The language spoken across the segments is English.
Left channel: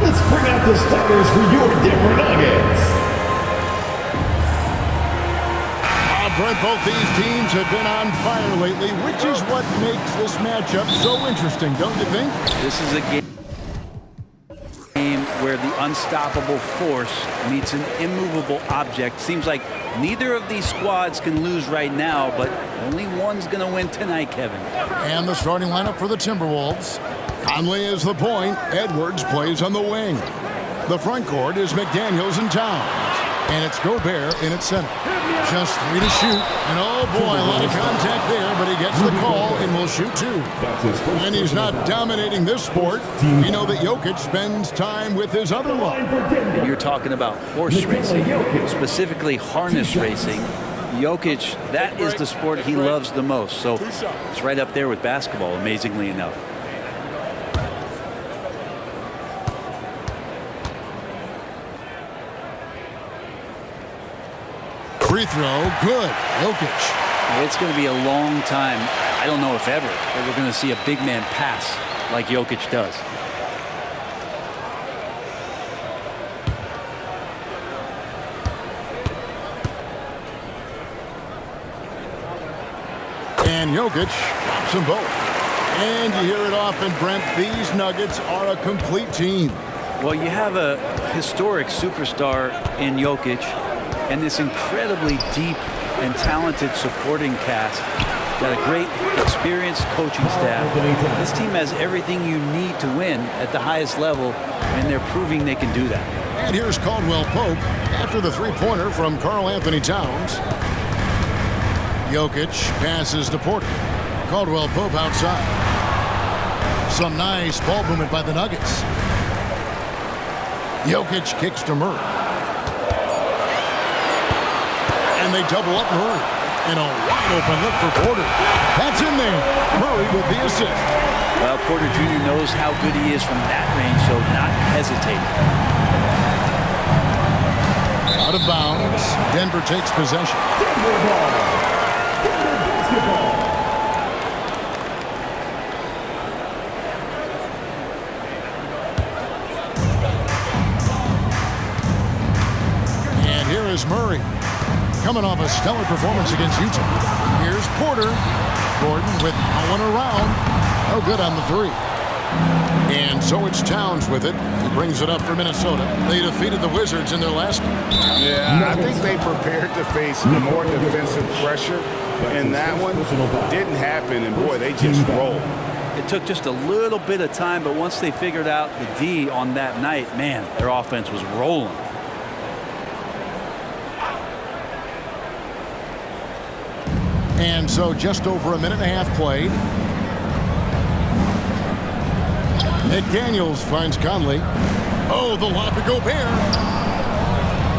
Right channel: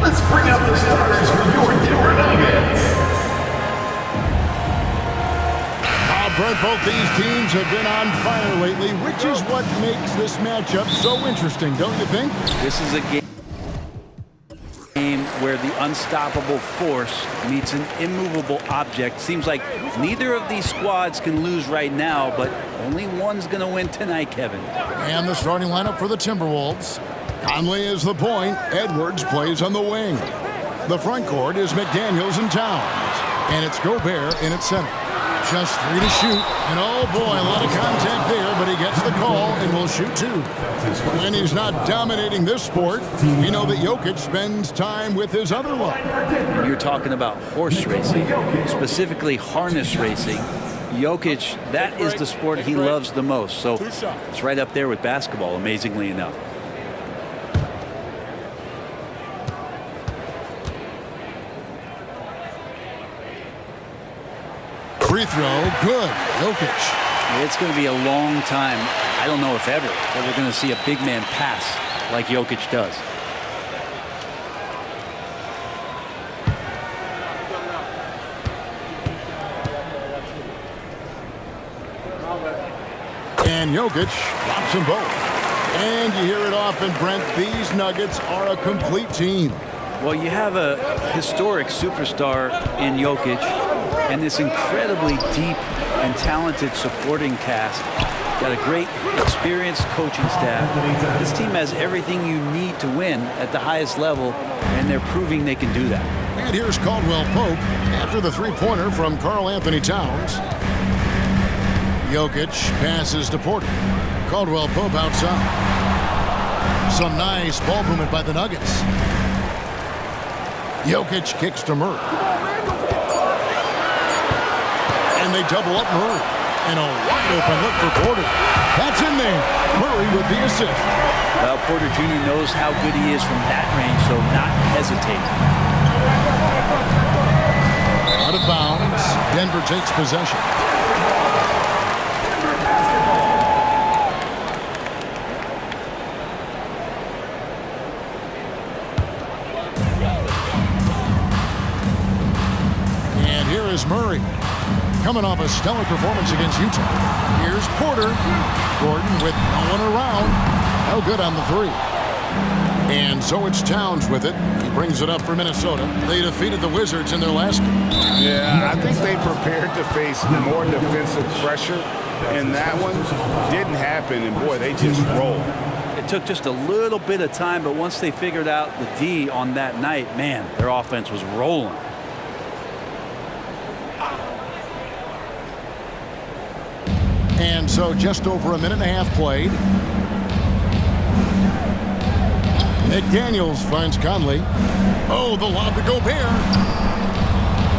Let's bring out the starters for your Denver Nuggets. Brent, both these teams have been on fire lately, which is what makes this matchup so interesting, don't you think? This is a game where the unstoppable force meets an immovable object. Seems like neither of these squads can lose right now, but only one's going to win tonight, Kevin. And the starting lineup for the Timberwolves. Conley is the point. Edwards plays on the wing. The front court is McDaniels and Towns. And it's Gobert in at center. Just 3 to shoot. And oh boy, a lot of contact there, but he gets the call and will shoot 2. When he's not dominating this sport, we know that Jokic spends time with his other love. And you're talking about horse racing, specifically harness racing. Jokic, that is the sport he loves the most. So it's right up there with basketball, amazingly enough. Free throw, good. Jokic. It's going to be a long time, I don't know if ever, that we're going to see a big man pass like Jokic does. And Jokic drops them both. And you hear it often, Brent, these Nuggets are a complete team. Well, you have a historic superstar in Jokic and this incredibly deep and talented supporting cast. Got a great, experienced coaching staff. This team has everything you need to win at the highest level, and they're proving they can do that. And here's Caldwell Pope after the three-pointer from Karl Anthony Towns. Jokic passes to Porter. Caldwell Pope outside. Some nice ball movement by the Nuggets. Jokic kicks to Murray. And they double up Murray. And a wide open look for Porter. That's in there. Murray with the assist. Well, Porter Jr. knows how good he is from that range, so not hesitating. Out of bounds. Denver takes possession. Denver basketball. And here is Murray, coming off a stellar performance against Utah. Here's Porter. Gordon with no one around. No good on the three. And so it's Towns with it. He brings it up for Minnesota. They defeated the Wizards in their last game. Yeah, I think they prepared to face more defensive pressure, and that one didn't happen, and boy, they just rolled. It took just a little bit of time, but once they figured out the D on that night, man, their offense was rolling. And so just over a minute and a half played. McDaniels finds Conley. Oh, the lob to Gobert.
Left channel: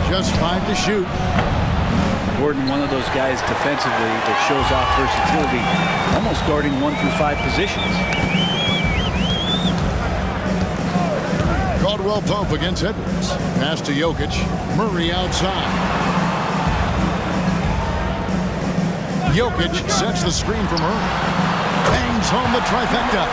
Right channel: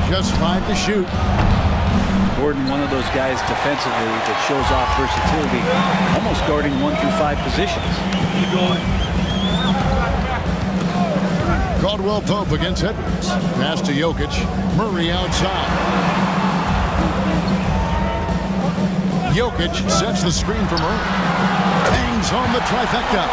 Just 5 to shoot. Gordon, one of those guys defensively that shows off versatility, almost guarding 1 through 5 positions. Caldwell Pope against Edwards. Pass to Jokic. Murray outside. Jokic sets the screen for Murray. Bangs home the trifecta.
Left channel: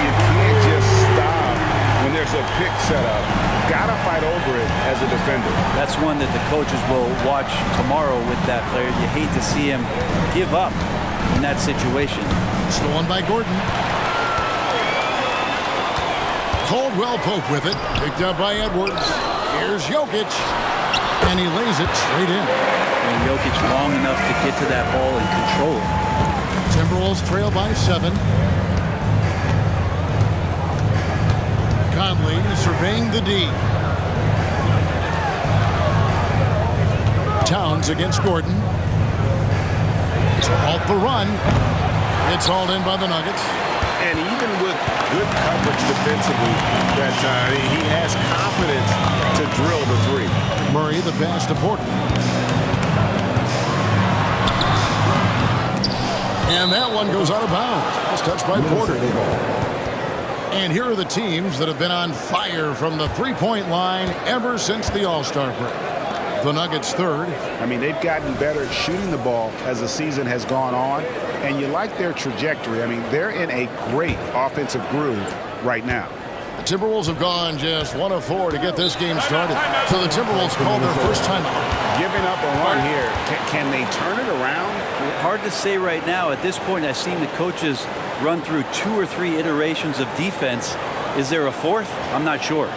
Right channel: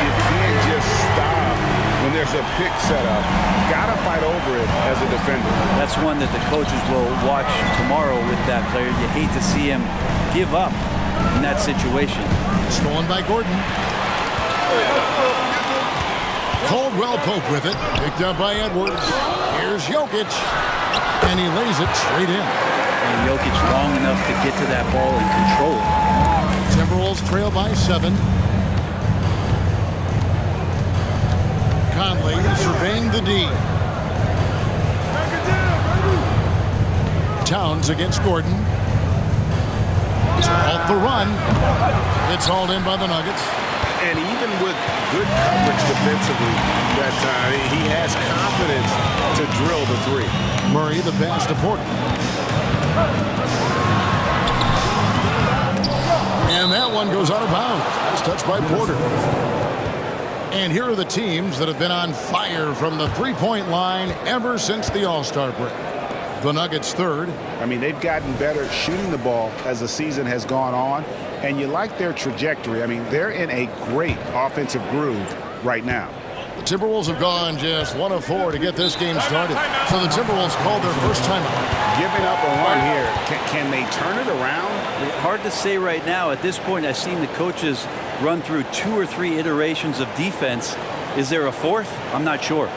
You can't just stop when there's a pick set up. Gotta fight over it as a defender. That's one that the coaches will watch tomorrow with that player. You hate to see him give up in that situation. Stolen by Gordon. Caldwell Pope with it. Picked up by Edwards. Here's Jokic. And he lays it straight in. And Jokic long enough to get to that ball and control it. Timberwolves trail by 7. Conley surveying the D. Towns against Gordon. To halt the run. It's hauled in by the Nuggets. And even with good coverage defensively that time, he has confidence to drill the three. Murray the pass to Porter. And that one goes out of bounds. That's touched by Porter. And here are the teams that have been on fire from the three-point line ever since the All-Star break. The Nuggets third. I mean, they've gotten better at shooting the ball as the season has gone on, and you like their trajectory. I mean, they're in a great offensive groove right now. The Timberwolves have gone just 1 of 4 to get this game started. So the Timberwolves called their first timeout. Giving up a run here. Can they turn it around? Hard to say right now. At this point, I've seen the coaches run through 2 or 3 iterations of defense. Is there a fourth? I'm not sure.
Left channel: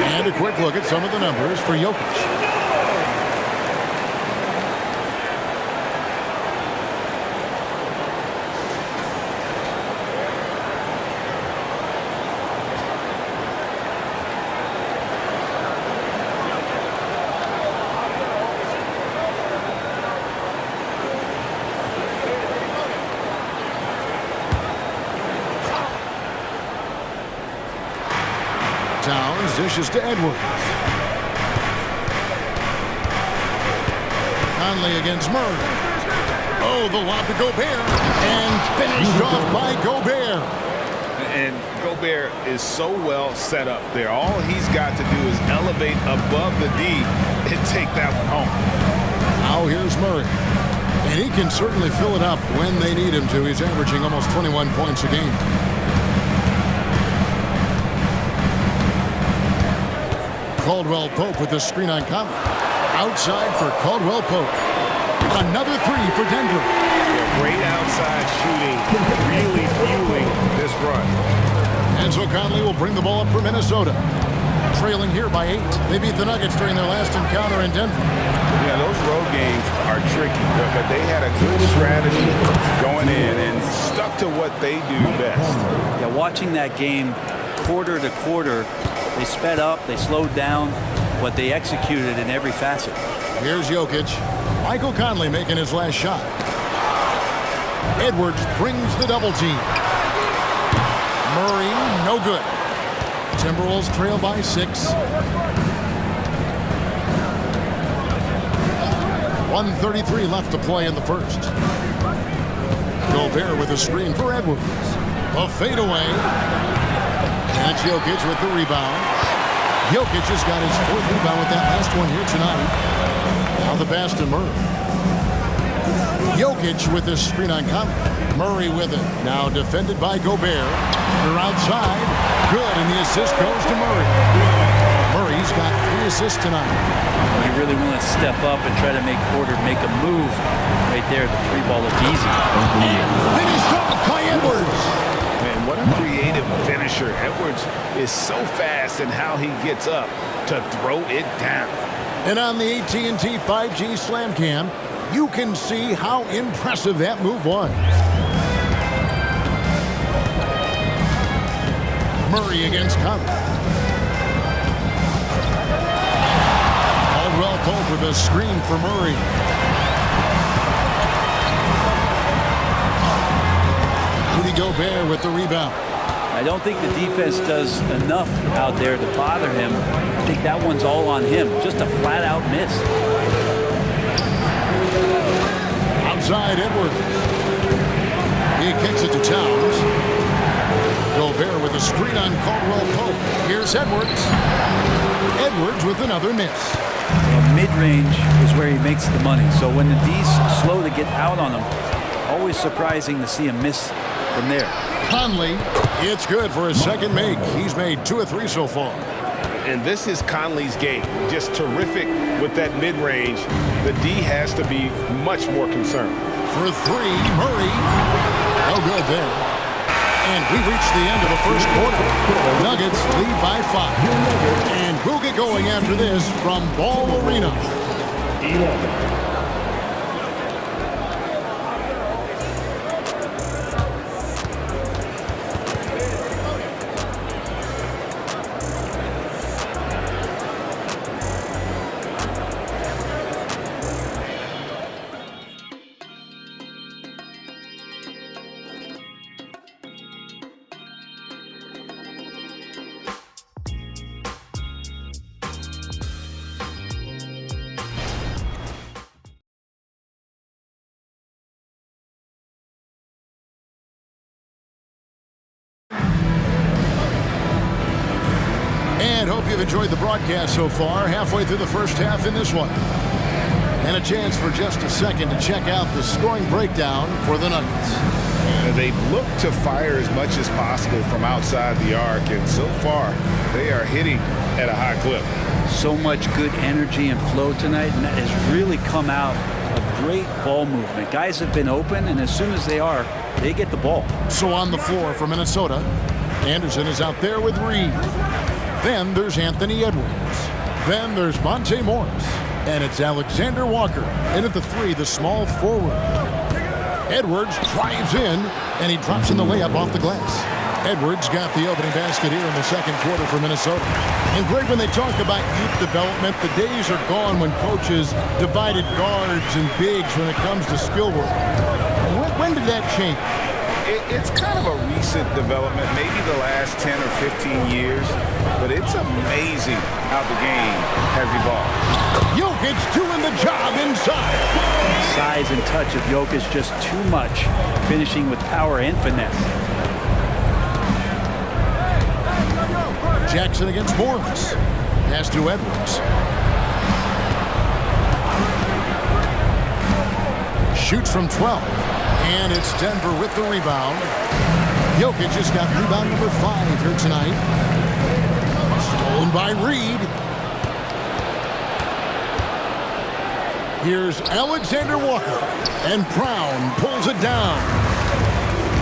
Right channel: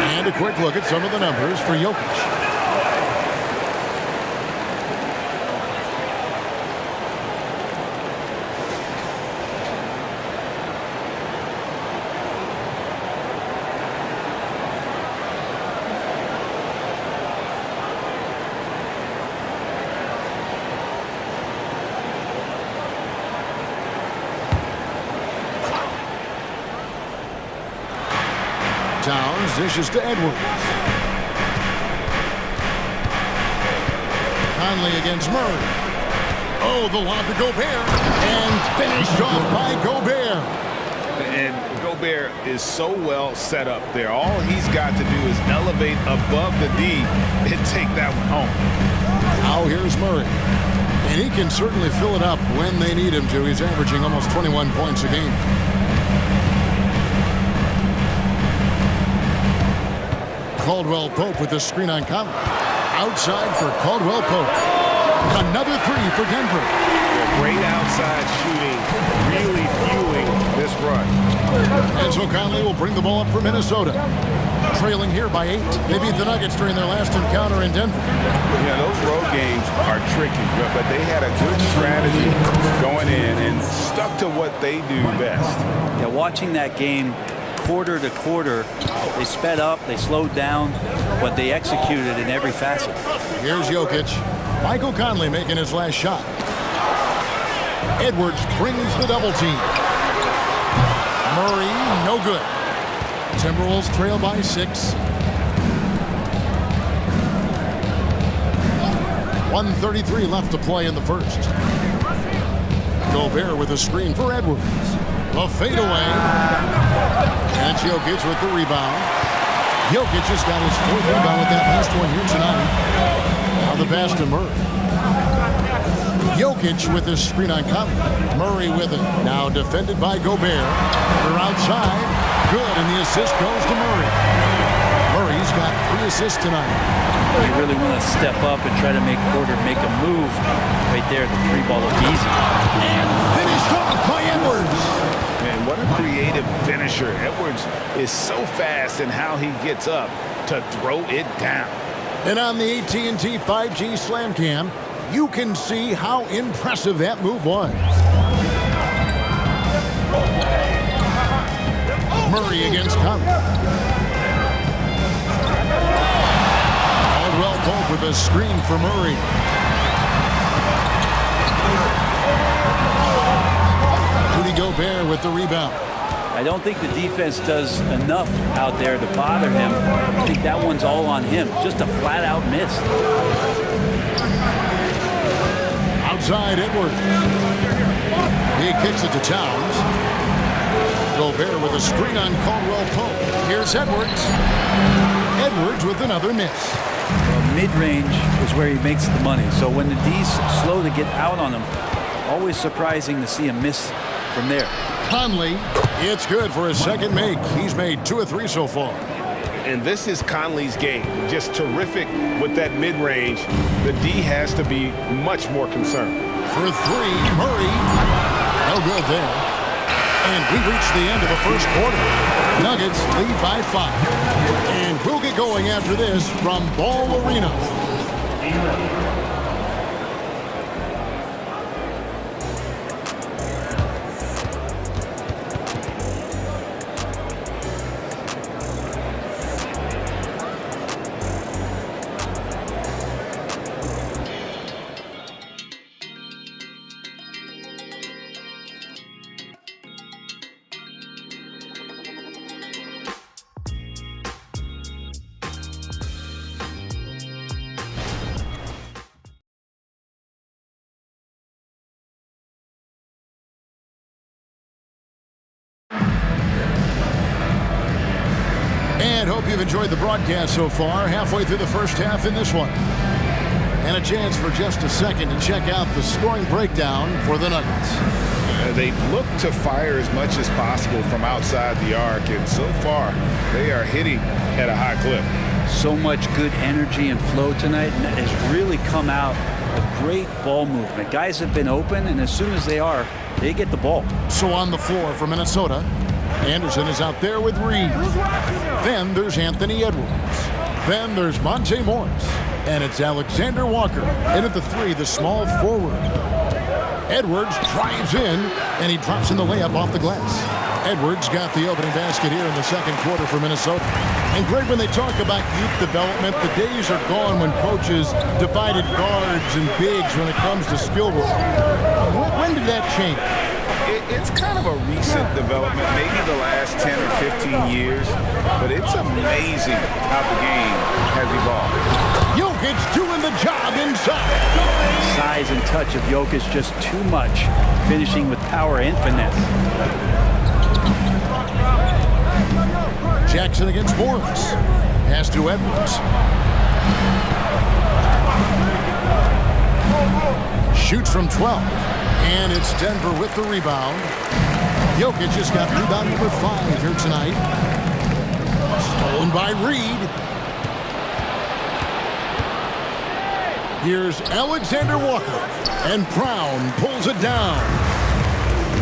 And a quick look at some of the numbers for Jokic. Towns dishes to Edwards. Conley against Murray. Oh, the lob to Gobert. And finished off by Gobert. And Gobert is so well set up there. All he's got to do is elevate above the D and take that one home. Now here's Murray. And he can certainly fill it up when they need him to. He's averaging almost 21 points a game. Caldwell Pope with the screen on Conley. Outside for Caldwell Pope. Another 3 for Denver. Yeah, great outside shooting, really fueling this run. And so Conley will bring the ball up for Minnesota. Trailing here by 8. They beat the Nuggets during their last encounter in Denver. Yeah, those road games are tricky, but they had a good strategy going in and stuck to what they do best. Yeah, watching that game quarter to quarter, they sped up, they slowed down, but they executed in every facet. Here's Jokic. Michael Conley making his last shot. Edwards brings the double team. Murray, no good. Timberwolves trail by 6. 1:33 left to play in the first. Gobert with a screen for Edwards. A fadeaway. And it's Jokic with the rebound. Jokic has got his 4th rebound with that last one here tonight. Now the pass to Murray. Jokic with this screen on Conley. Murray with it. Now defended by Gobert. They're outside. Good, and the assist goes to Murray. Murray's got 3 assists tonight. You really want to step up and try to make Porter make a move right there. The 3-ball looked easy. And finished off by Edwards. Man, what a creative finisher. Edwards is so fast in how he gets up to throw it down. And on the AT&T 5G Slam Cam, you can see how impressive that move was. Murray against Conley. Caldwell Pope with a screen for Murray. Rudy Gobert with the rebound. I don't think the defense does enough out there to bother him. I think that one's all on him. Just a flat-out miss. Outside Edwards. He kicks it to Towns. Gobert with a screen on Caldwell Pope. Here's Edwards. Edwards with another miss. Well, mid-range is where he makes the money. So when the D's slow to get out on him, always surprising to see him miss from there. Conley. It's good for his second make. He's made 2 of 3 so far. And this is Conley's game. Just terrific with that mid-range. The D has to be much more concerned. For 3, Murray. No good there. And we reached the end of the first quarter. Nuggets lead by 5. And we'll get going after this from Ball Arena. And hope you've enjoyed the broadcast so far. Halfway through the first half in this one. And a chance for just a second to check out the scoring breakdown for the Nuggets. They've looked to fire as much as possible from outside the arc, and so far they are hitting at a high clip. So much good energy and flow tonight, and that has really come out of great ball movement. Guys have been open, and as soon as they are, they get the ball. So on the floor for Minnesota, Anderson is out there with Reed. Then there's Anthony Edwards. Then there's Monte Morris. And it's Alexander Walker. And at the 3, the small forward. Edwards drives in, and he drops in the layup off the glass. Edwards got the opening basket here in the second quarter for Minnesota. And Greg, when they talk about youth development, the days are gone when coaches divided guards and bigs when it comes to skill work. When did that change? It's kind of a recent development, maybe the last 10 or 15 years, but it's amazing how the game has evolved. Jokic doing the job inside. Size and touch of Jokic just too much, finishing with power and finesse. Jackson against Morris. Pass to Edwards. Shoots from 12. And it's Denver with the rebound. Jokic just got rebound number 5 here tonight. Stolen by Reed. Here's Alexander Walker. And Brown pulls it down.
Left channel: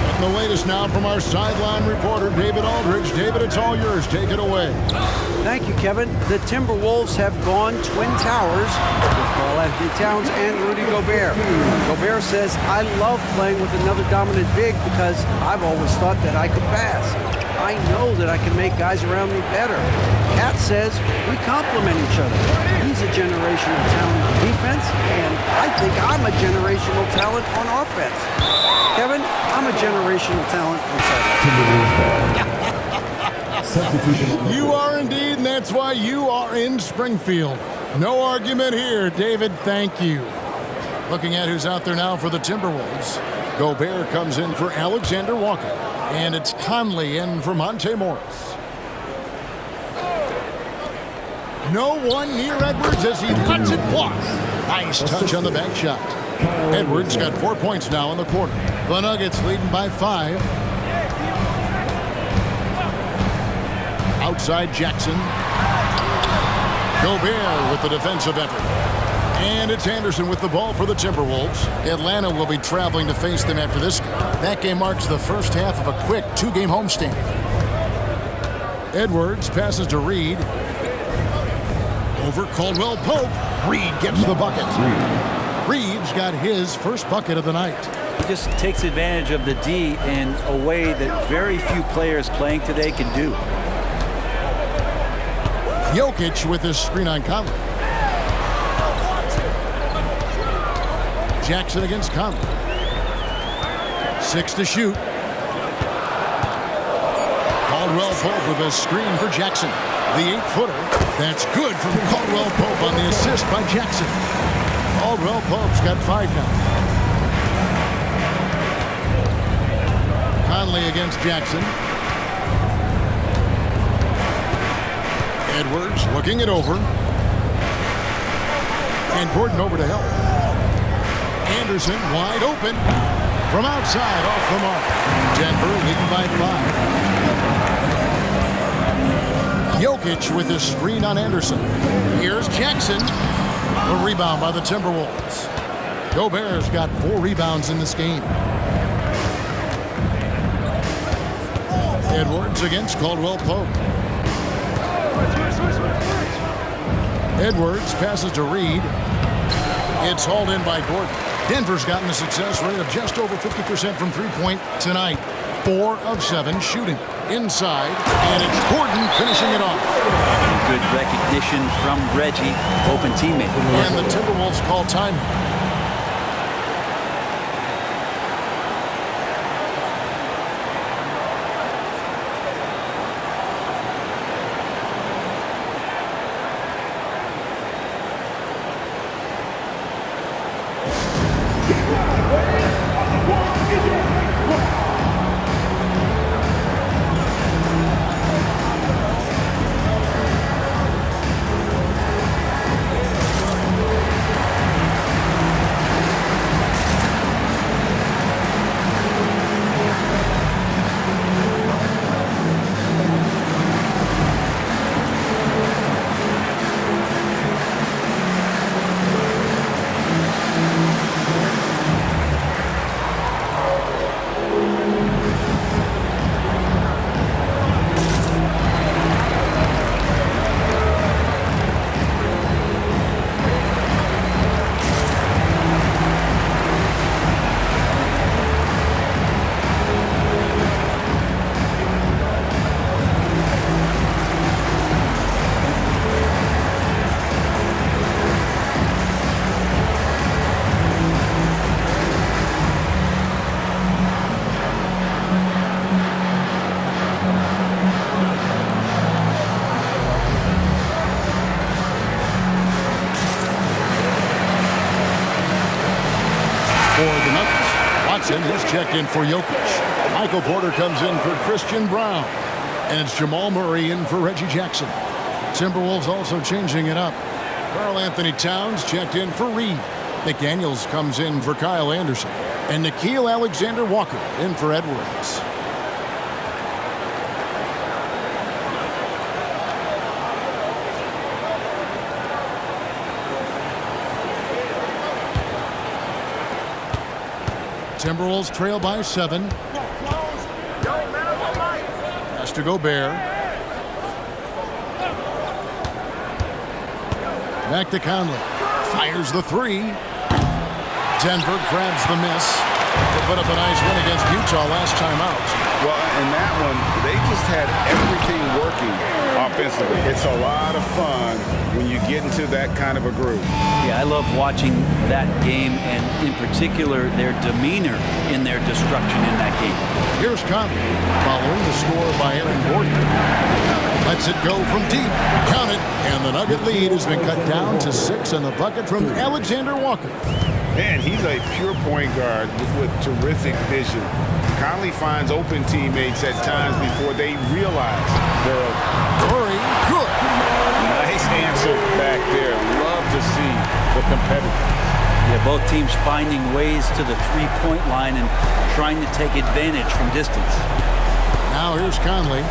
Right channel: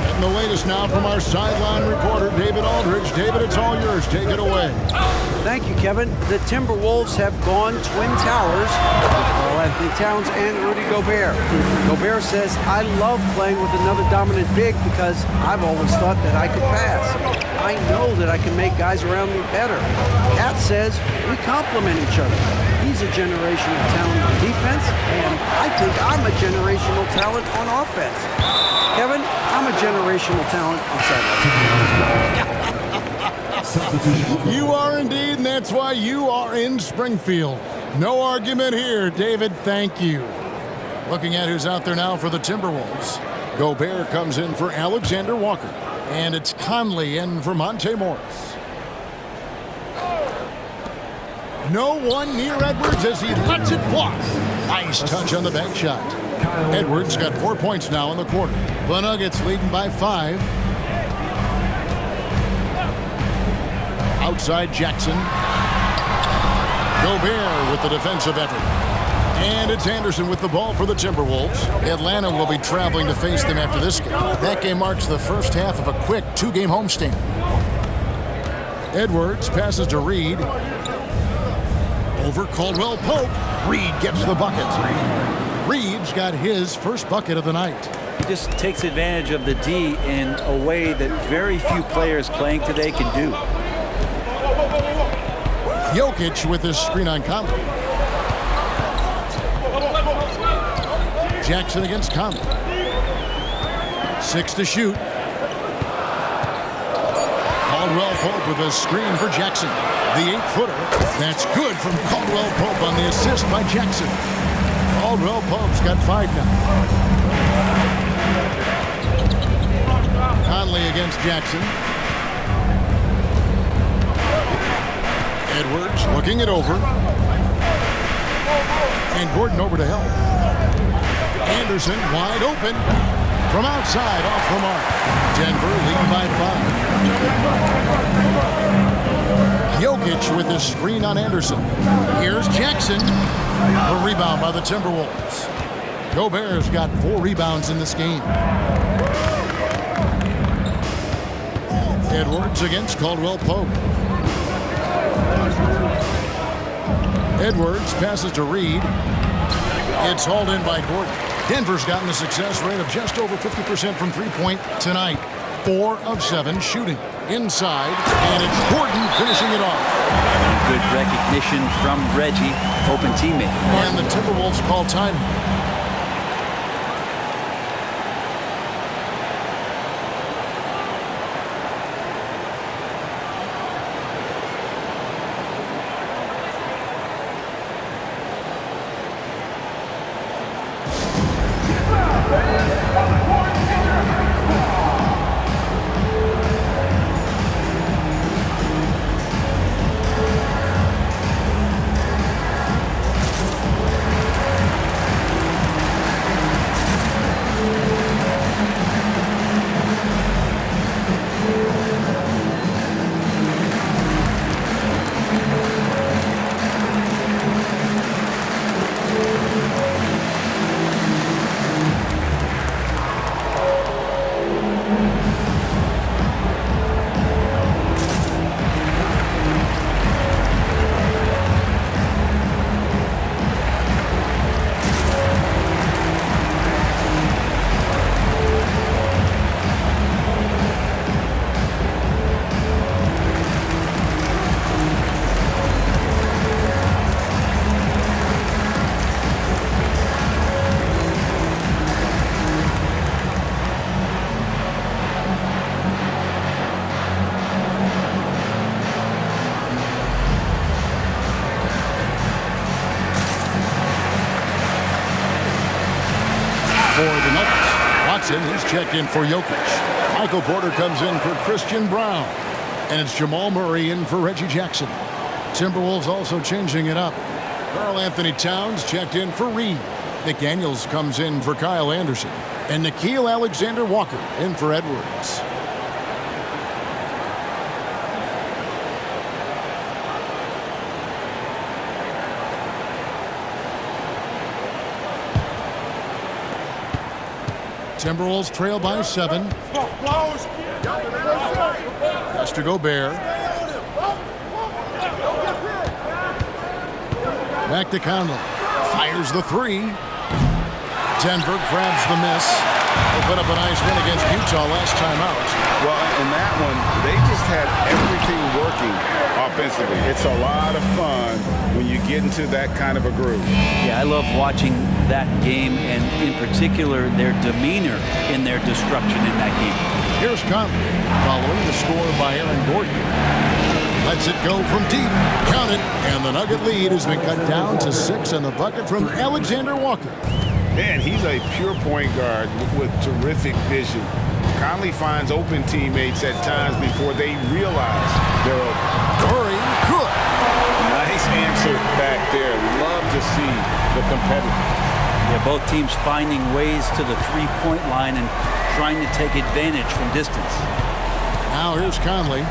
Getting the latest now from our sideline reporter, David Aldridge. David, it's all yours. Take it away. Thank you, Kevin. The Timberwolves have gone Twin Towers with Karl-Anthony Towns and Rudy Gobert. Gobert says, I love playing with another dominant big because I've always thought that I could pass. I know that I can make guys around me better. Cat says, we complement each other. He's a generational talent on defense, and I think I'm a generational talent on offense. Kevin, I'm a generational talent on sidelines. You are indeed, and that's why you are in Springfield. No argument here, David. Thank you. Looking at who's out there now for the Timberwolves. Gobert comes in for Alexander Walker. And it's Conley in for Monte Morris. No one near Edwards as he lets it fly. Nice touch on the back shot. Edwards got 4 points now in the quarter. The Nuggets leading by 5. Outside Jackson. Gobert with the defensive effort. And it's Anderson with the ball for the Timberwolves. Atlanta will be traveling to face them after this game. That game marks the first half of a quick 2-game homestand. Edwards passes to Reed. Over Caldwell Pope. Reed gets the bucket. Reed's got his first bucket of the night. He just takes advantage of the D in a way that very few players playing today can do. Jokic with his screen on Conley. Jackson against Conley. 6 to shoot. Caldwell Pope with a screen for Jackson. The 8-footer. That's good from Caldwell Pope on the assist by Jackson. Caldwell Pope's got 5 now. Conley against Jackson. Edwards looking it over. And Gordon over to help. Anderson wide open. From outside, off the mark. Denver lead by 5. Jokic with his screen on Anderson. Here's Jackson. The rebound by the Timberwolves. Gobert's got 4 rebounds in this game. Edwards against Caldwell Pope. Edwards passes to Reed. It's hauled in by Gordon. Denver's gotten a success rate of just over 50% from three-point tonight. 4 of 7 shooting. Inside, and it's Gordon finishing it off. Good recognition from Reggie, open teammate. And the Timberwolves call time. For the Nuggets, Watson is checked in for Jokic. Michael Porter comes in for Christian Brown. And it's Jamal Murray in for Reggie Jackson. Timberwolves also changing it up. Karl Anthony Towns checked in for Reed. McDaniels comes in for Kyle Anderson. And Nickeil Alexander-Walker in for Edwards. Timberwolves trail by 7. Has to Gobert. Back to Conley. Fires the 3. Denver grabs the miss. They put up a nice win against Utah last time out. Well, in that one, they just had everything working offensively. It's a lot of fun when you get into that kind of a groove. Yeah, I love watching that game, and in particular, their demeanor in their destruction in that game. Here's Conley, following the score by Aaron Gordon. Lets it go from deep. Count it. And the Nugget lead has been cut down to 6 on the bucket from Alexander-Walker. Man, he's a pure point guard with terrific vision. Conley finds open teammates at times before they realize they're open. Murray, good. Nice answer back there. Love to see the competitiveness. Yeah, both teams finding ways to the three-point line and trying to take advantage from distance. Now here's Conley.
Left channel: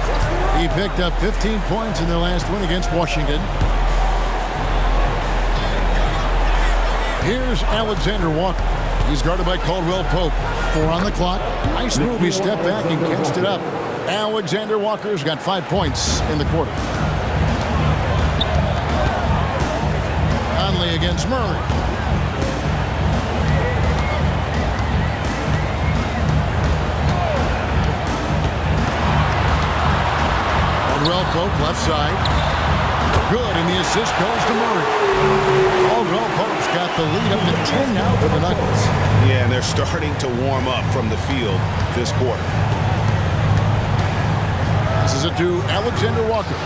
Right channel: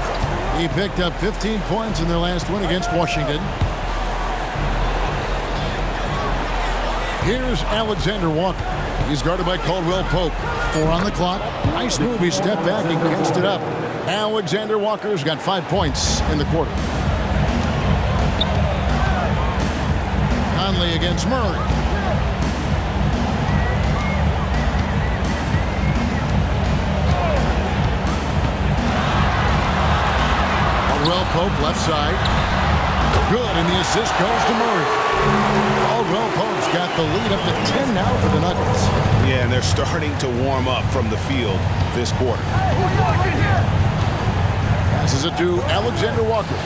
He picked up 15 points in their last win against Washington. Here's Alexander-Walker. He's guarded by Caldwell Pope. 4 on the clock. Nice move. He stepped back and cast it up. Alexander-Walker's got 5 points in the quarter. Conley against Murray. Caldwell Pope left side. Good, and the assist goes to Murray. Caldwell Pope's got the lead up to 10 now for the Nuggets. Yeah, and they're starting to warm up from the field this quarter. Passes it to Alexander-Walker.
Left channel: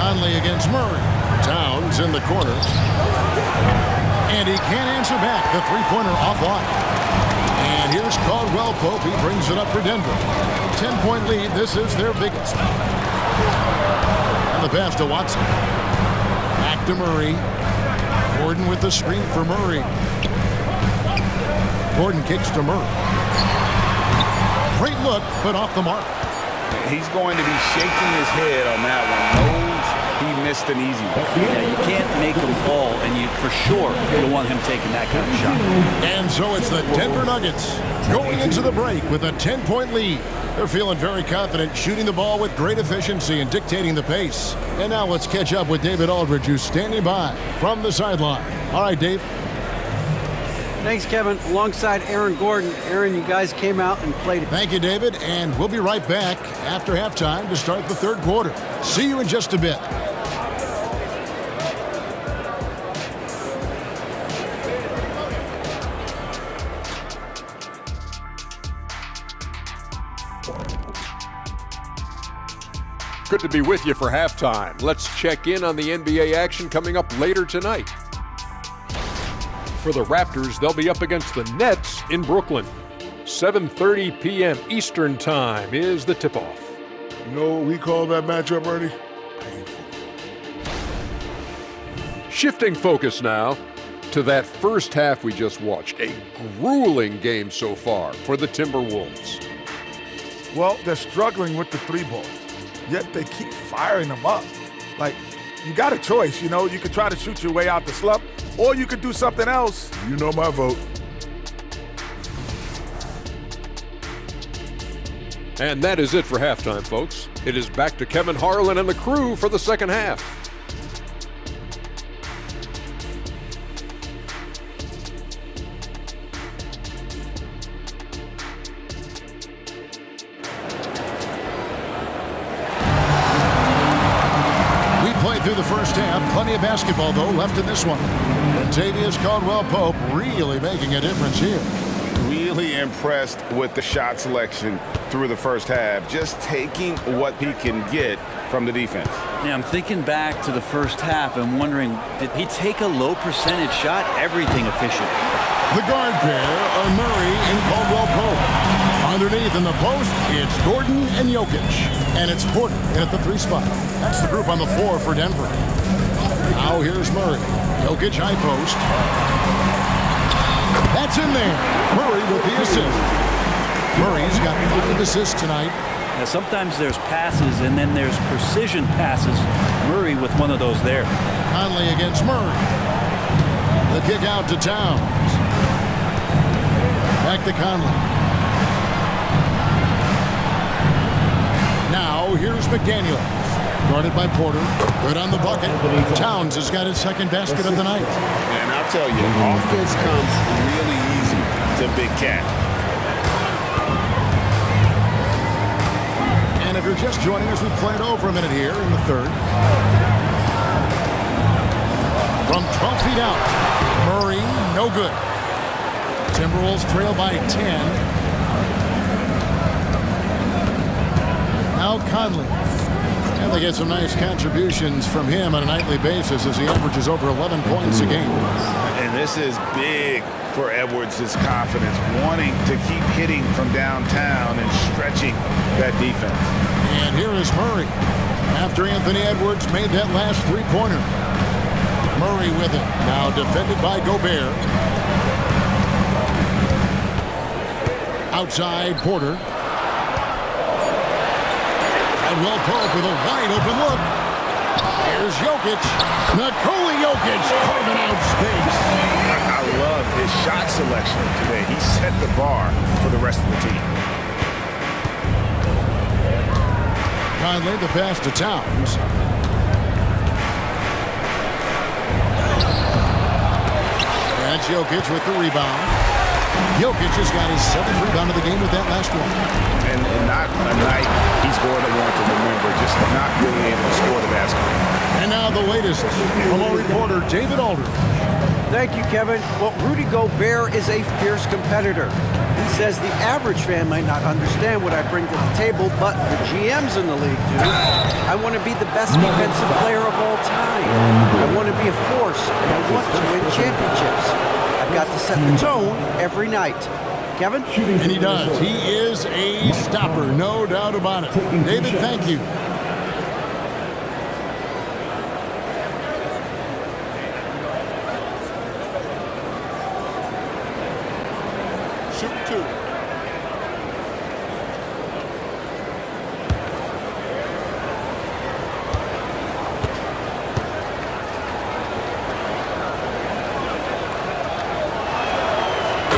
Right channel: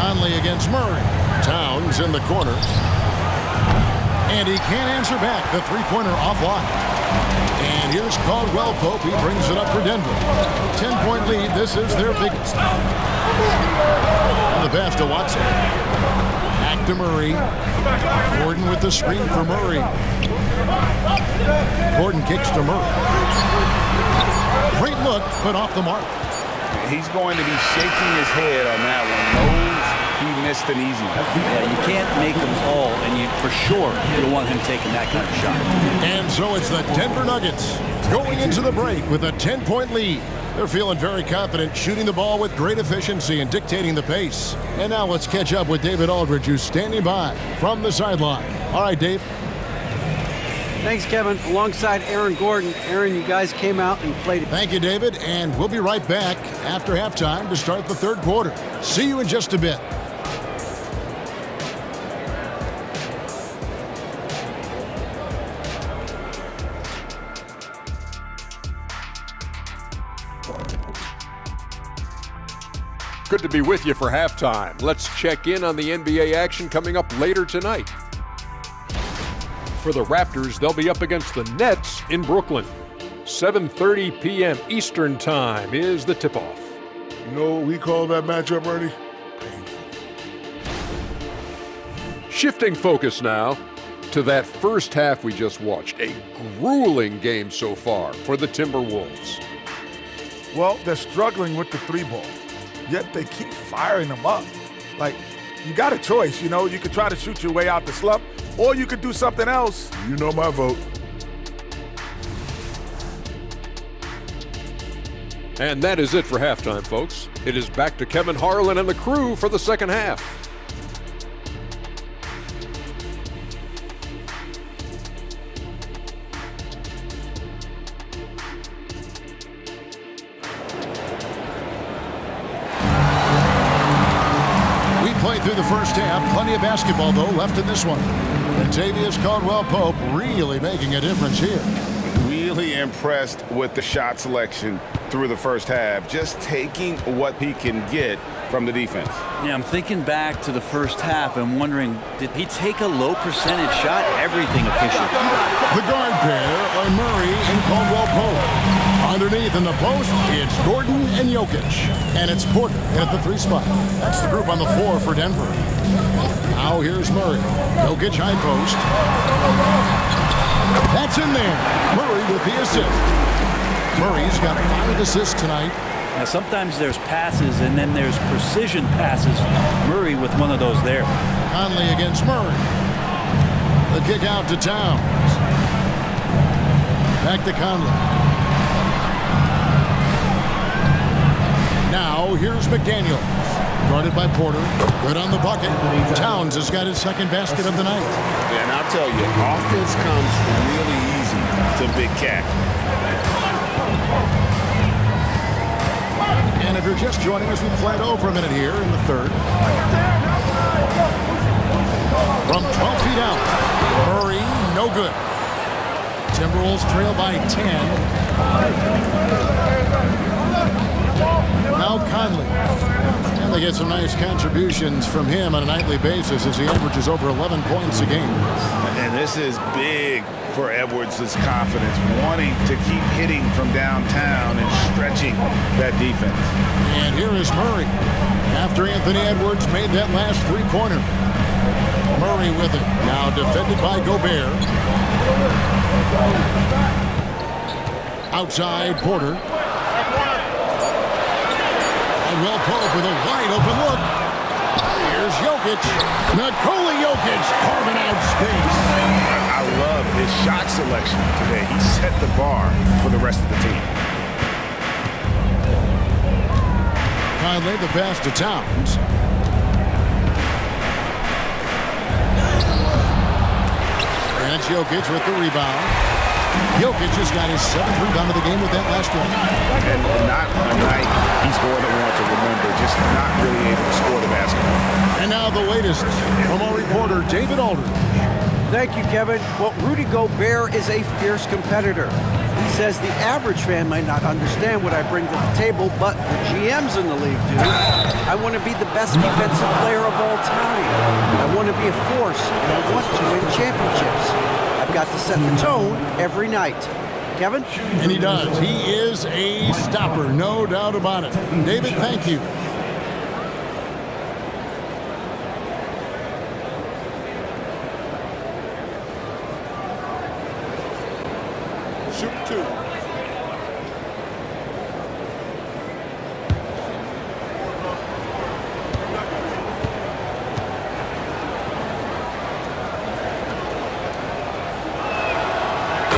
Conley against Murray. Towns in the corner. And he can't answer back. The three-pointer offline. And here's Caldwell Pope. He brings it up for Denver. 10-point lead. This is their biggest. And the pass to Watson. Back to Murray. Gordon with the screen for Murray. Gordon kicks to Murray. Great look, but off the mark. He's going to be shaking his head on that one. Knows he missed an easy one. Yeah, you can't make them all, and for sure you don't want him taking that kind of shot. And so it's the Denver Nuggets going into the break with a 10-point lead. They're feeling very confident, shooting the ball with great efficiency and dictating the pace. And now let's catch up with David Aldridge, who's standing by from the sideline. All right, Dave. Thanks, Kevin. Alongside Aaron Gordon. Aaron, you guys came out and played. Thank you, David. And we'll be right back after halftime to start the third quarter. See you in just a bit. Good to be with you for halftime. Let's check in on the NBA action coming up later tonight. For the Raptors, they'll be up against the Nets in Brooklyn. 7:30 p.m. Eastern Time is the tip-off. You know what we call that matchup, Ernie? Painful. Shifting focus now to that first half we just watched. A grueling game so far for the Timberwolves. Well, they're struggling with the three ball, yet they keep firing them up. Like, you got a choice, you know? You could try to shoot your way out the slump, or you could do something else. You know my vote. And that is it for halftime, folks. It is back to Kevin Harlan and the crew for the second half. We played through the first half. Plenty of basketball, though, left in this one. Contavious Caldwell-Pope really making a difference here. Really impressed with the shot selection through the first half. Just taking what he can get from the defense. Yeah, I'm thinking back to the first half and wondering, did he take a low percentage shot? Everything efficient. The guard pair are Murray and Caldwell-Pope. Underneath in the post, it's Gordon and Jokic. And it's Porter in at the 3 spot. That's the group on the floor for Denver. Now here's Murray. Jokic high post. That's in there. Murray with the assist. Murray's got 5 assists tonight. Now, sometimes there's passes and then there's precision passes. Murray with one of those there. Conley against Murray. The kick out to Towns. Back to Conley. Now here's McDaniels. Guarded by Porter. Good on the bucket. Towns has got his second basket of the night. And I'll tell you, offense comes really easy to Big Cat. And if you're just joining us, we've played over a minute here in the third. From 12 feet out, Murray, no good. Timberwolves trail by 10. Now Conley. And they get some nice contributions from him on a nightly basis as he averages over 11 points a game. And this is big for Edwards' confidence, wanting to keep hitting from downtown and stretching that defense. And here is Murray. After Anthony Edwards made that last three-pointer. Murray with it. Now defended by Gobert. Outside Porter. Caldwell-Pope with a wide-open look. Here's Jokic. Nikola Jokic carving out space. I love his shot selection today. He set the bar for the rest of the team. Conley, the pass to Towns. And Jokic with the rebound. Jokic has got his 7th rebound of the game with that last one. And not a night he's going to want to remember, just not really able to score the basketball. And now the latest from our reporter, David Aldridge. Thank you, Kevin. Well, Rudy Gobert is a fierce competitor. He says the average fan might not understand what I bring to the table, but the GMs in the league do. I want to be the best defensive player of all time. I want to be a force, and I want to win championships. I've got to set the tone every night. Kevin? And he does. He is a stopper, no doubt about it. David, thank you. 2.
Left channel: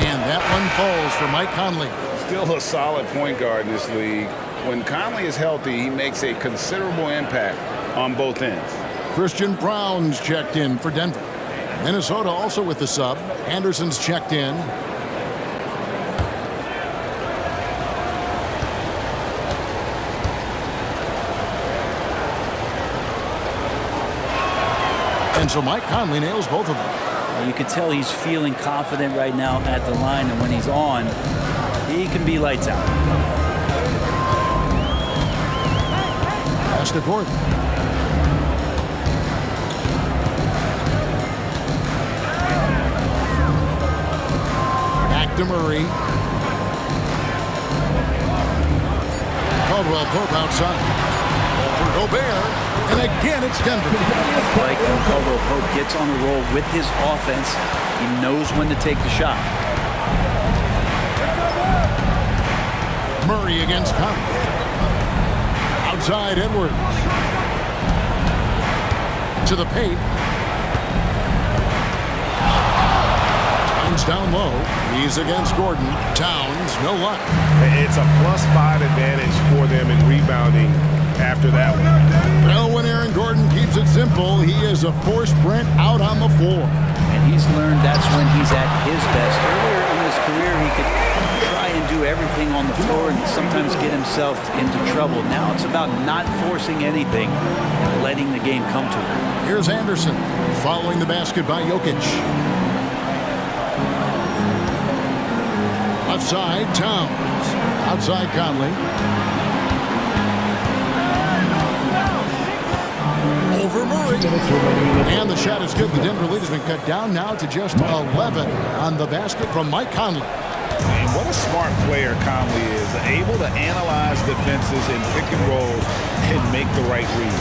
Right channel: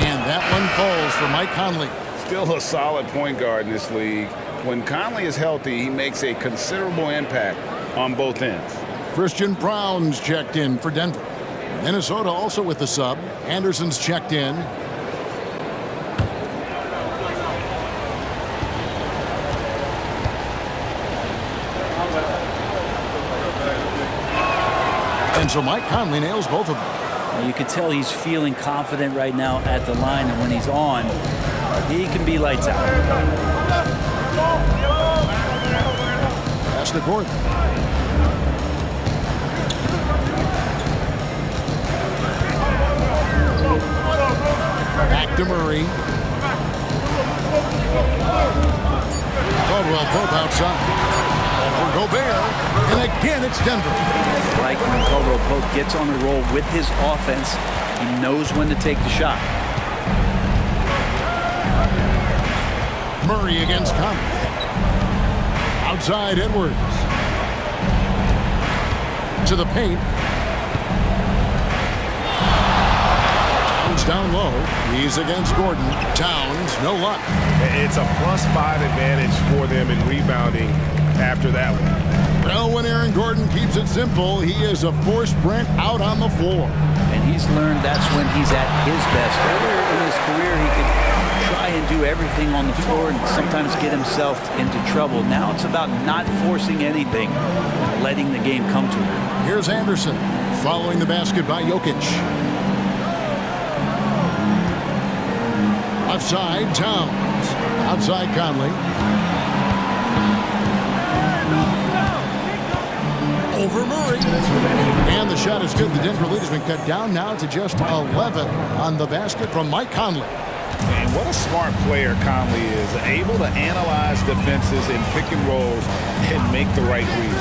And that one falls for Mike Conley. Still a solid point guard in this league. When Conley is healthy, he makes a considerable impact on both ends. Christian Brown's checked in for Denver. Minnesota also with the sub. Anderson's checked in. And so Mike Conley nails both of them. You can tell he's feeling confident right now at the line, and when he's on, he can be lights out. Pass to Gordon. Back to Murray. Caldwell Pope outside. Over Gobert. And again, it's Denver. Like when Caldwell Pope gets on a roll with his offense, he knows when to take the shot. Murray against Conley. Outside Edwards. To the paint. Towns down low. He's against Gordon. Towns, no luck. It's a +5 advantage for them in rebounding after that one. Well, when Aaron Gordon keeps it simple, he is a force sprint out on the floor. And he's learned that's when he's at his best. Earlier in his career, he could try and do everything on the floor and sometimes get himself into trouble. Now it's about not forcing anything and letting the game come to him. Here's Anderson following the basket by Jokic. Left side, Towns. Outside Conley. Over Murray. And the shot is good. The Denver lead has been cut down now to just 11 on the basket from Mike Conley. And what a smart player Conley is. Able to analyze defenses in pick and rolls and make the right read.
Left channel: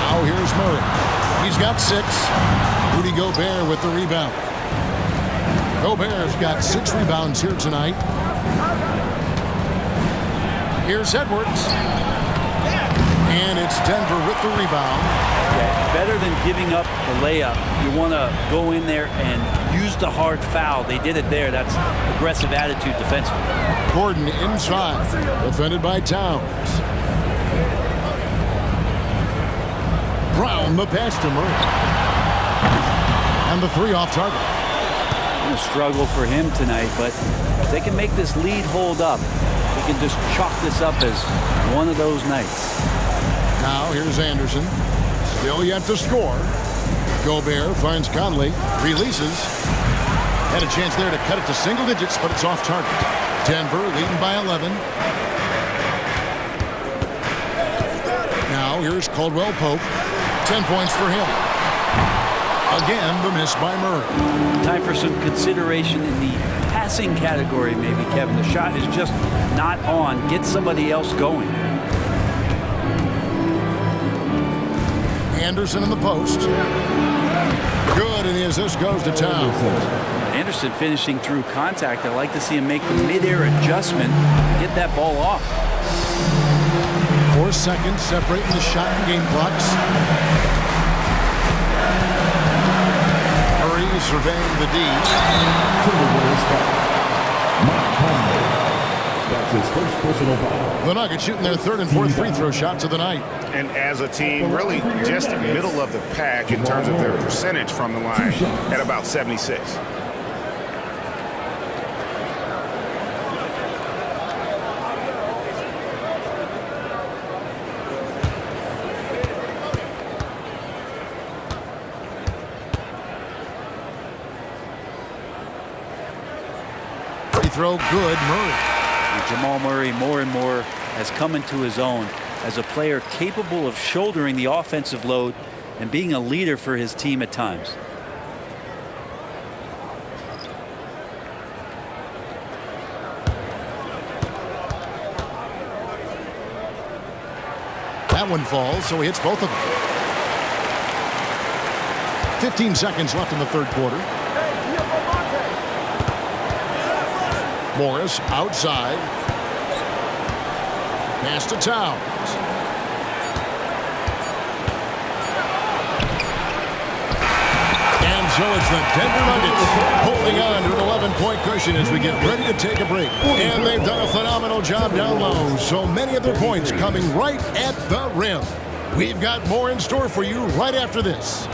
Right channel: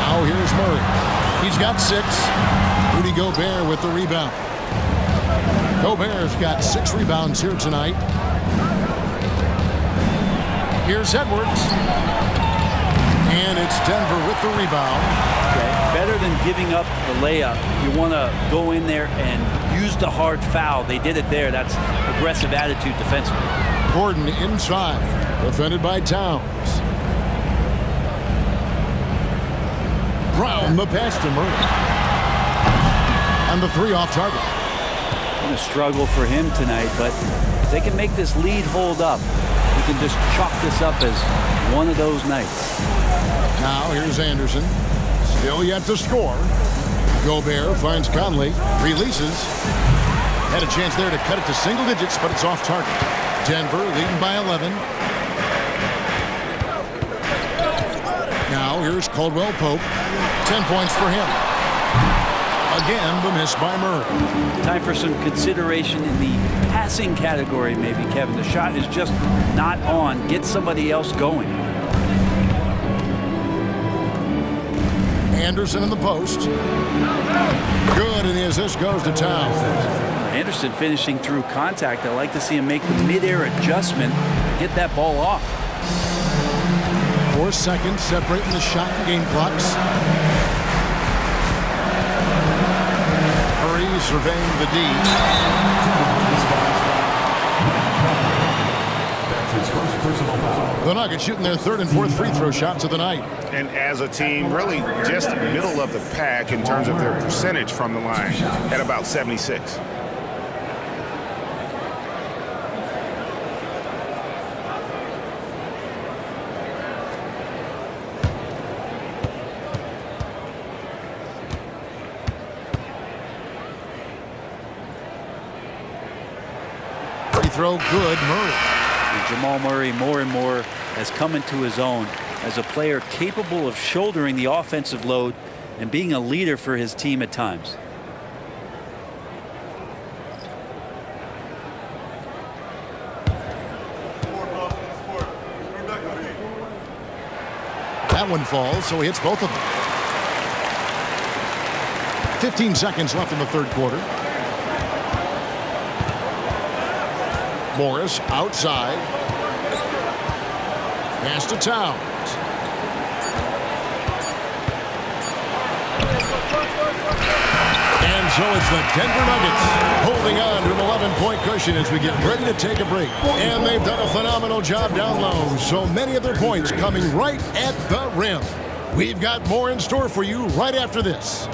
Now here's Murray. He's got 6. Rudy Gobert with the rebound. Gobert's got 6 rebounds here tonight. Here's Edwards. And it's Denver with the rebound. Yeah, better than giving up the layup. You want to go in there and use the hard foul. They did it there. That's aggressive attitude defensively. Gordon inside. Defended by Towns. Brown the pass to Murray. And the 3 off target. Going to struggle for him tonight, but if they can make this lead hold up, he can just chalk this up as one of those nights. Now here's Anderson. Still yet to score. Gobert finds Conley. Releases. Had a chance there to cut it to single digits, but it's off target. Denver leading by 11. Now here's Caldwell Pope. 10 points for him. Again, the miss by Murray. Time for some consideration in the passing category, maybe, Kevin. The shot is just not on. Get somebody else going. Anderson in the post. Good, and the assist goes to Towns. Anderson finishing through contact. I like to see him make the mid-air adjustment to get that ball off. 4 seconds separating the shot and game clocks. Murray surveying the D. That's his first personal foul. The Nuggets shooting their 3rd and 4th free throw shots of the night. And as a team, really just middle of the pack in terms of their percentage from the line at about 76. Free throw good, Murray. And Jamal Murray more and more has come into his own as a player capable of shouldering the offensive load and being a leader for his team at times. That one falls, so he hits both of them. 15 seconds left in the 3rd quarter. Morris outside. Pass to Towns. And so it's the Denver Nuggets holding on to an 11-point cushion as we get ready to take a break. And they've done a phenomenal job down low. So many of their points coming right at the rim. We've got more in store for you right after this.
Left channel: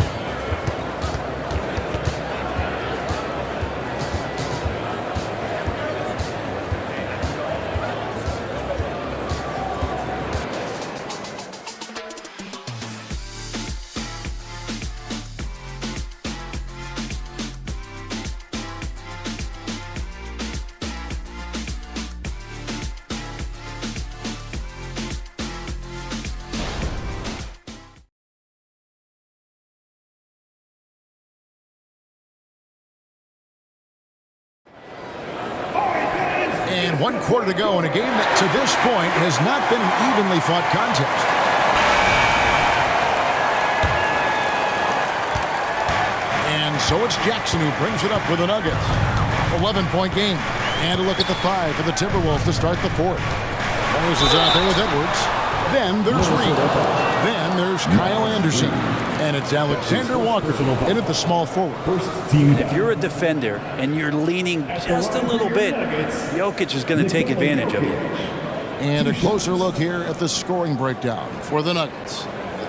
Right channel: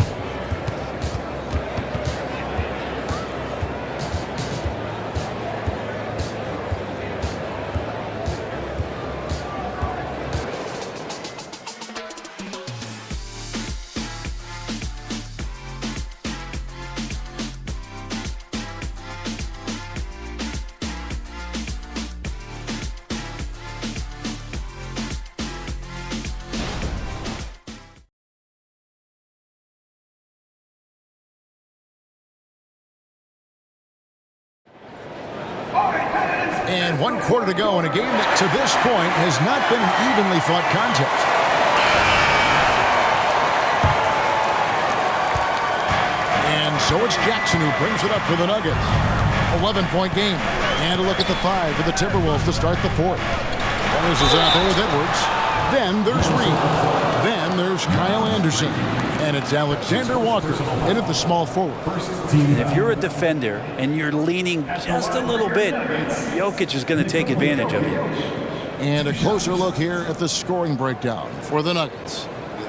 And 1 quarter to go in a game that to this point has not been an evenly fought contest. And so it's Jackson who brings it up for the Nuggets. 11-point game. And a look at the 5 for the Timberwolves to start the 4th. Morris is out there with Edwards. Then there's Reed. Then there's Kyle Anderson. And it's Alexander Walker in at the small forward. And if you're a defender and you're leaning just a little bit, Jokic is going to take advantage of you. And a closer look here at the scoring breakdown for the Nuggets.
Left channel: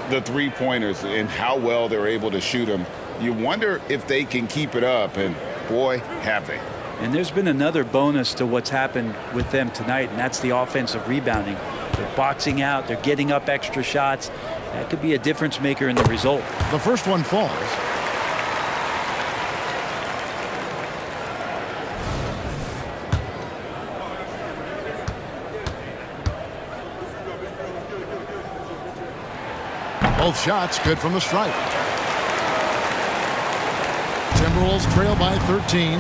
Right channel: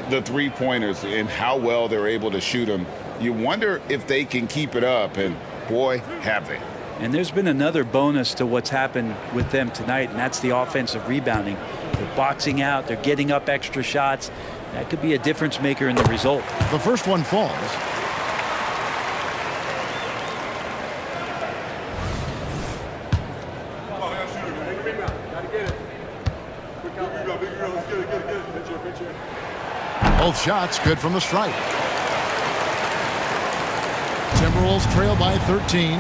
The three-pointers and how well they're able to shoot them. You wonder if they can keep it up, and boy, have they. And there's been another bonus to what's happened with them tonight, and that's the offensive rebounding. They're boxing out. They're getting up extra shots. That could be a difference maker in the result. The first one falls. Both shots good from the stripe. Timberwolves trail by 13.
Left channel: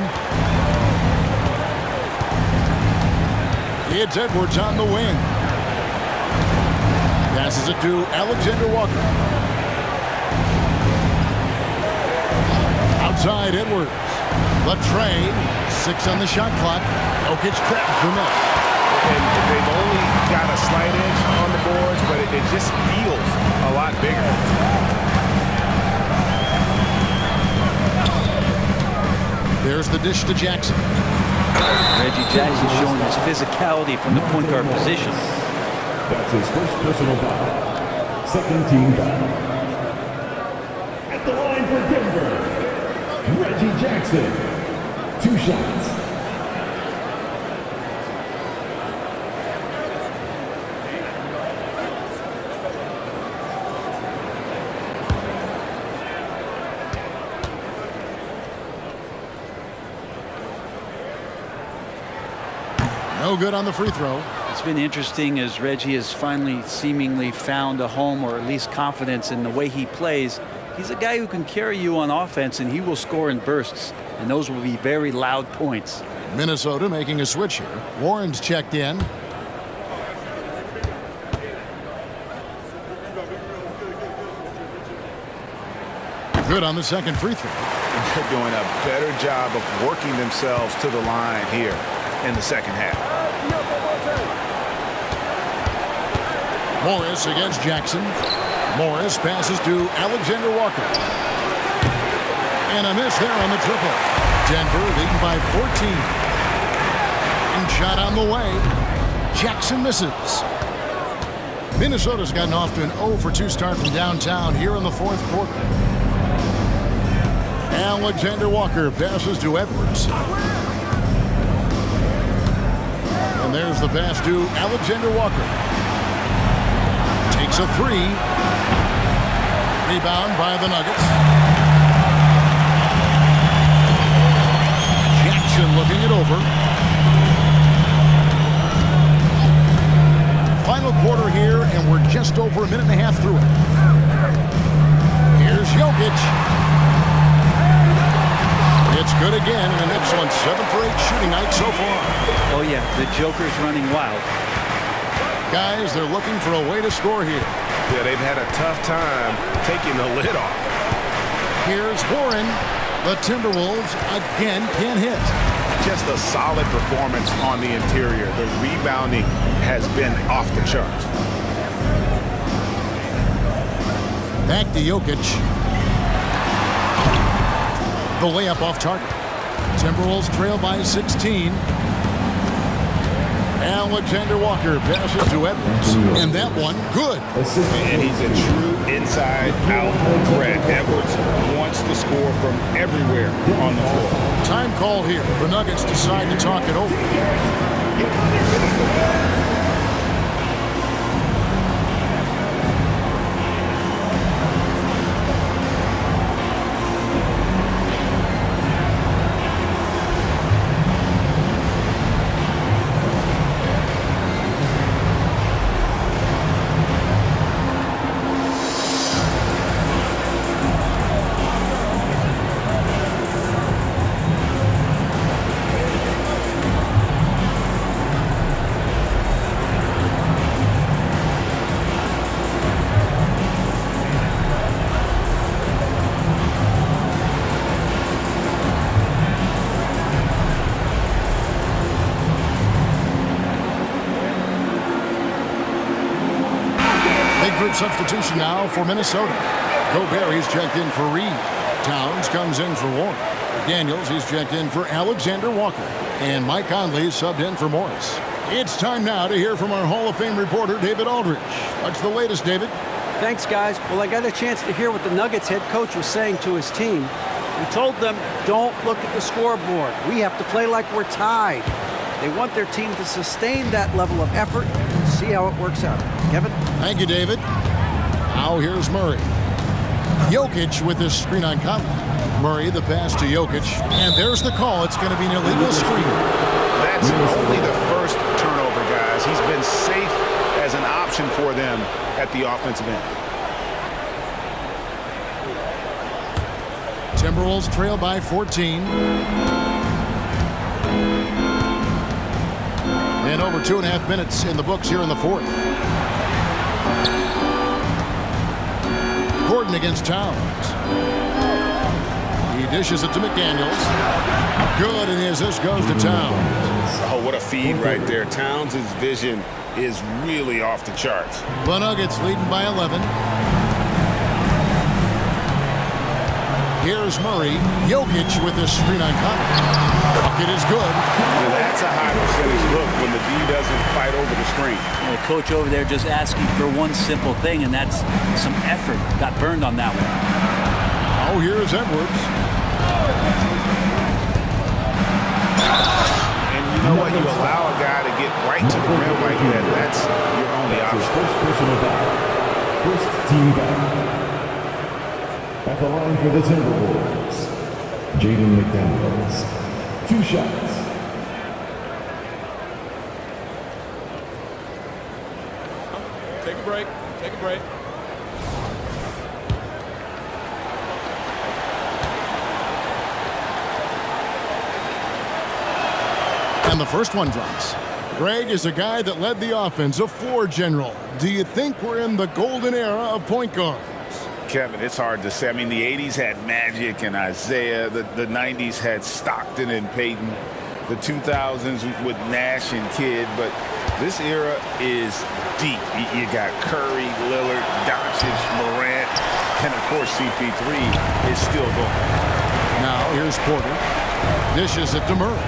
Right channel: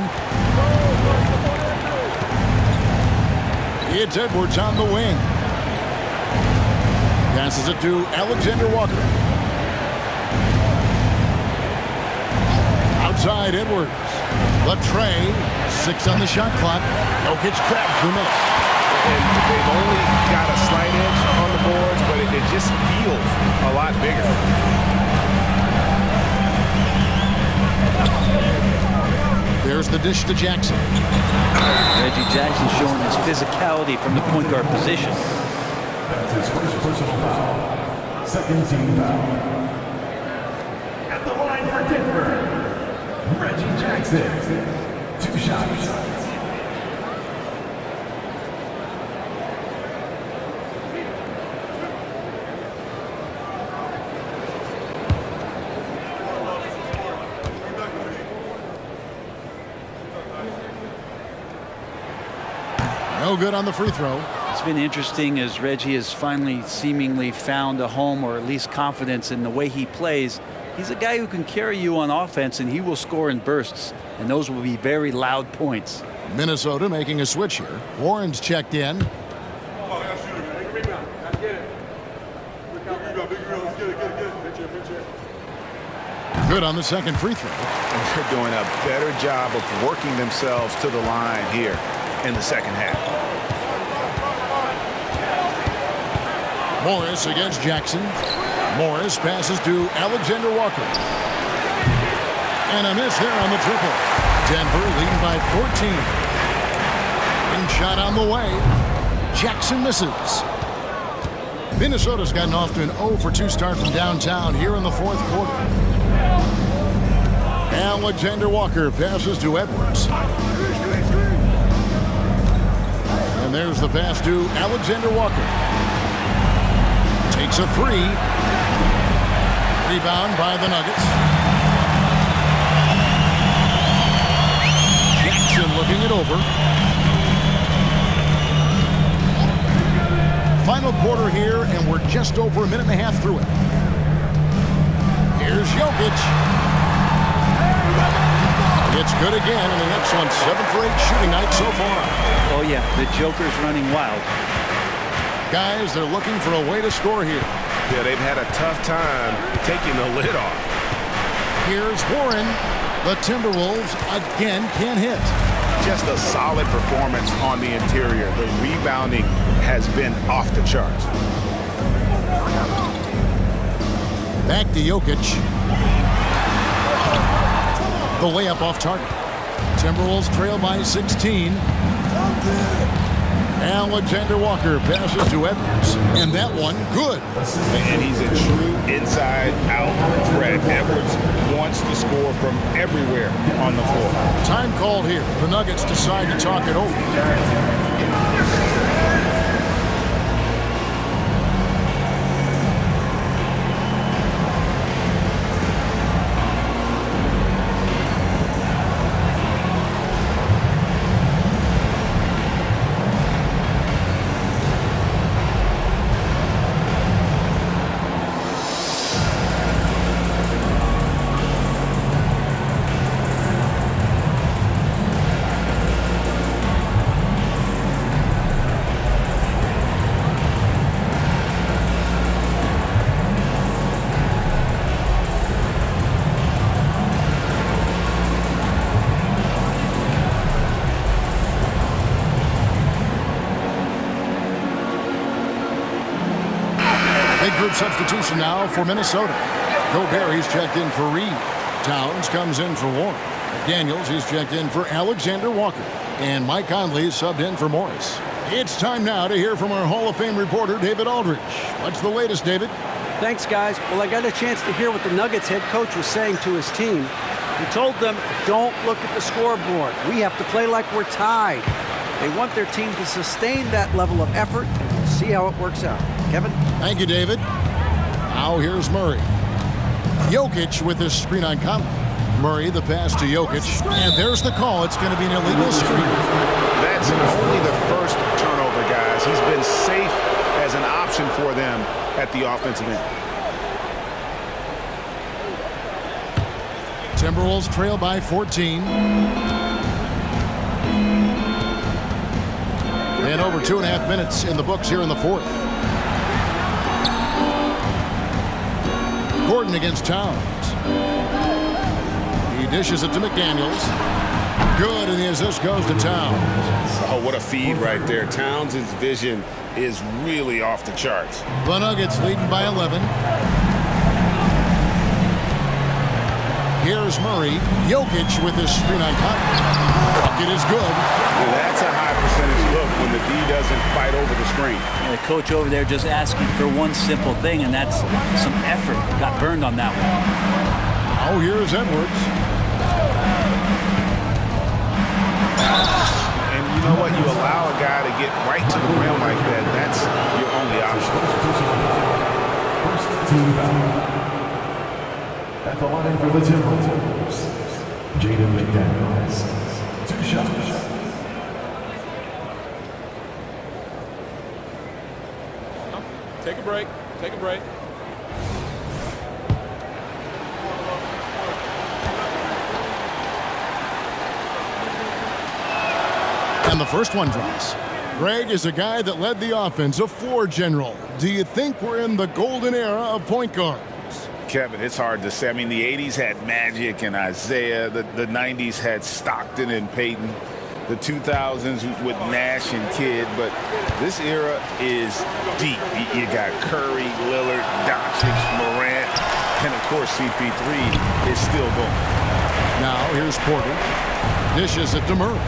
It's Edwards on the wing. Passes it to Alexander Walker. Outside Edwards. The tray. 6 on the shot clock. Jokic grabs the miss. And they've only got a slight edge on the boards, but it just feels a lot bigger. There's the dish to Jackson. Reggie Jackson showing his physicality from the point guard position. That's his first personal foul. Second team foul. At the line for Denver, Reggie Jackson. 2 shots. No good on the free throw. It's been interesting as Reggie has finally seemingly found a home, or at least confidence in the way he plays. He's a guy who can carry you on offense, and he will score in bursts, and those will be very loud points. Minnesota making a switch here. Warren's checked in. Good on the second free throw. And they're doing a better job of working themselves to the line here in the second half. Morris against Jackson. Morris passes to Alexander Walker. And a miss there on the triple. Denver leading by 14. And shot on the way. Jackson misses. Minnesota's gotten off to an 0 for 2 start from downtown here in the 4th quarter. Alexander Walker passes to Edwards. And there's the pass to Alexander Walker. Takes a 3. Rebound by the Nuggets. Jackson looking it over. Final quarter here, and we're just over a minute and a half through it. Here's Jokic. It's good again, and an excellent 7 for 8 shooting night so far. Oh yeah, the Joker's running wild. Guys, they're looking for a way to score here. Yeah, they've had a tough time taking the lid off. Here's Warren. The Timberwolves again can't hit. just a solid performance on the interior. The rebounding has been off the charts. Back to Jokic. The layup off target. Timberwolves trail by 16. Alexander Walker passes to Edwards. And that one, good. And he's a true inside-out threat. Edwards wants to score from everywhere on the floor. Time called here. The Nuggets decide to talk it over. Big group substitution now for Minnesota. Gobert, he's checked in for Reed. Towns comes in for Warren. McDaniels, he's checked in for Alexander Walker. And Mike Conley subbed in for Morris. It's time now to hear from our Hall of Fame reporter, David Aldridge. What's the latest, David? Thanks, guys. Well, I got a chance to hear what the Nuggets head coach was saying to his team. He told them, don't look at the scoreboard. We have to play like we're tied. They want their team to sustain that level of effort, and we'll see how it works out. Kevin? Thank you, David. Now here's Murray. Jokic with his screen on Conley. Murray, the pass to Jokic. And there's the call. It's going to be an illegal screen. That's only the first turnover, guys. He's been safe as an option for them at the offensive end. Timberwolves trail by 14. And over 2.5 minutes in the books here in the fourth. Gordon against Towns. He dishes it to McDaniels. Good, and the assist goes to Towns. Oh, what a feed right there. Towns' vision is really off the charts. The Nuggets leading by 11. Here's Murray. Jokic with his screen on Conley. Bucket is good. Now that's a high percentage look when the D doesn't fight over the screen. And the coach over there just asking for one simple thing, and that's some effort. Got burned on that one. Oh, here's Edwards. And you know what? You allow a guy to get right to the rim like that. That's your only option. First personal foul. First team foul. At the line for the Timberwolves, Jaden McDaniels. 2 shots. Take a break. Take a break. And the first one drops. Greg is a guy that led the offense, a floor general. Do you think we're in the golden era of point guards? Kevin, it's hard to say. I mean, the 80s had Magic and Isaiah. The 90s had Stockton and Peyton. The 2000s with Nash and Kidd. But this era is deep. You got Curry, Lillard, Doncic, Morant, and, of course, CP3 is still going. Now here's Porter. Dishes it to Murray.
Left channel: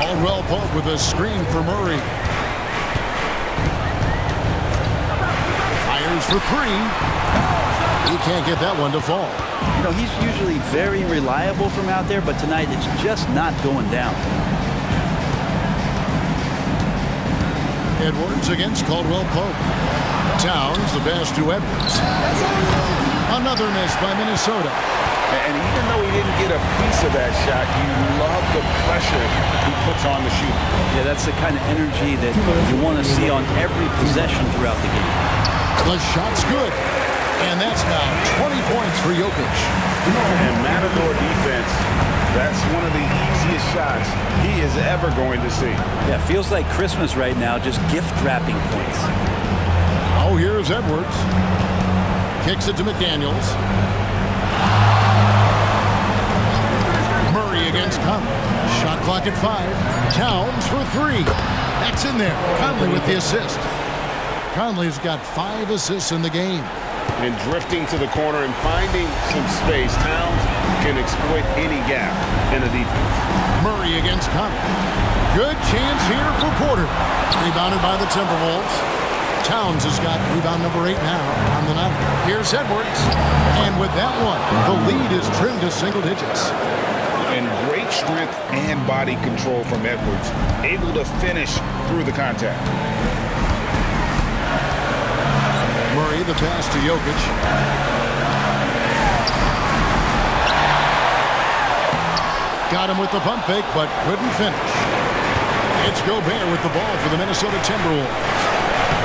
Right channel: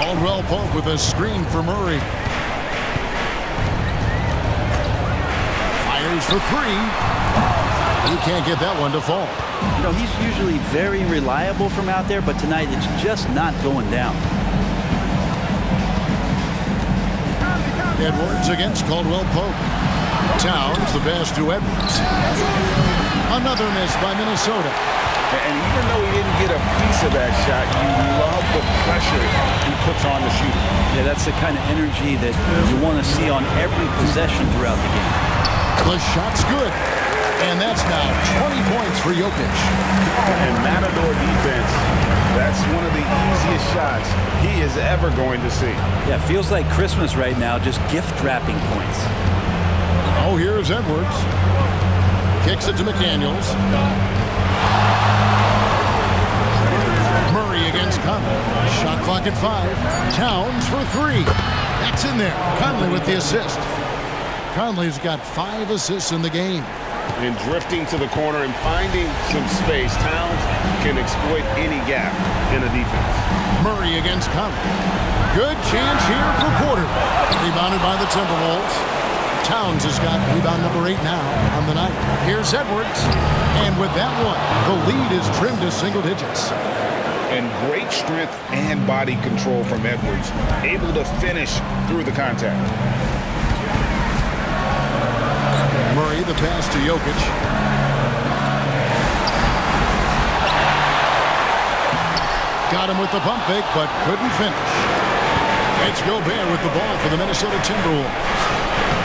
Caldwell Pope with a screen for Murray. Fires for 3. He can't get that one to fall. You know, he's usually very reliable from out there, but tonight it's just not going down. Edwards against Caldwell Pope. Towns, the pass to Edwards. Another miss by Minnesota. And even though he didn't get a piece of that shot, you love the pressure he puts on the shooter. Yeah, that's the kind of energy that you want to see on every possession throughout the game. The shot's good. And that's now 20 points for Jokic. And Matador defense, that's one of the easiest shots he is ever going to see. Yeah, feels like Christmas right now, just gift wrapping points. Oh, here's Edwards. Kicks it to McDaniels. Murray against Conley. Shot clock at 5. Towns for 3. That's in there. Conley with the assist. Conley's got 5 assists in the game. And drifting to the corner and finding some space, Towns can exploit any gap in a defense. Murray against Conley. Good chance here for Porter. Rebounded by the Timberwolves. Towns has got rebound number 8 now on the night. Here's Edwards. And with that one, the lead is trimmed to single digits. And great strength and body control from Edwards. Able to finish through the contact. Murray, the pass to Jokic. Got him with the pump fake, but couldn't finish. It's Gobert with the ball for the Minnesota Timberwolves.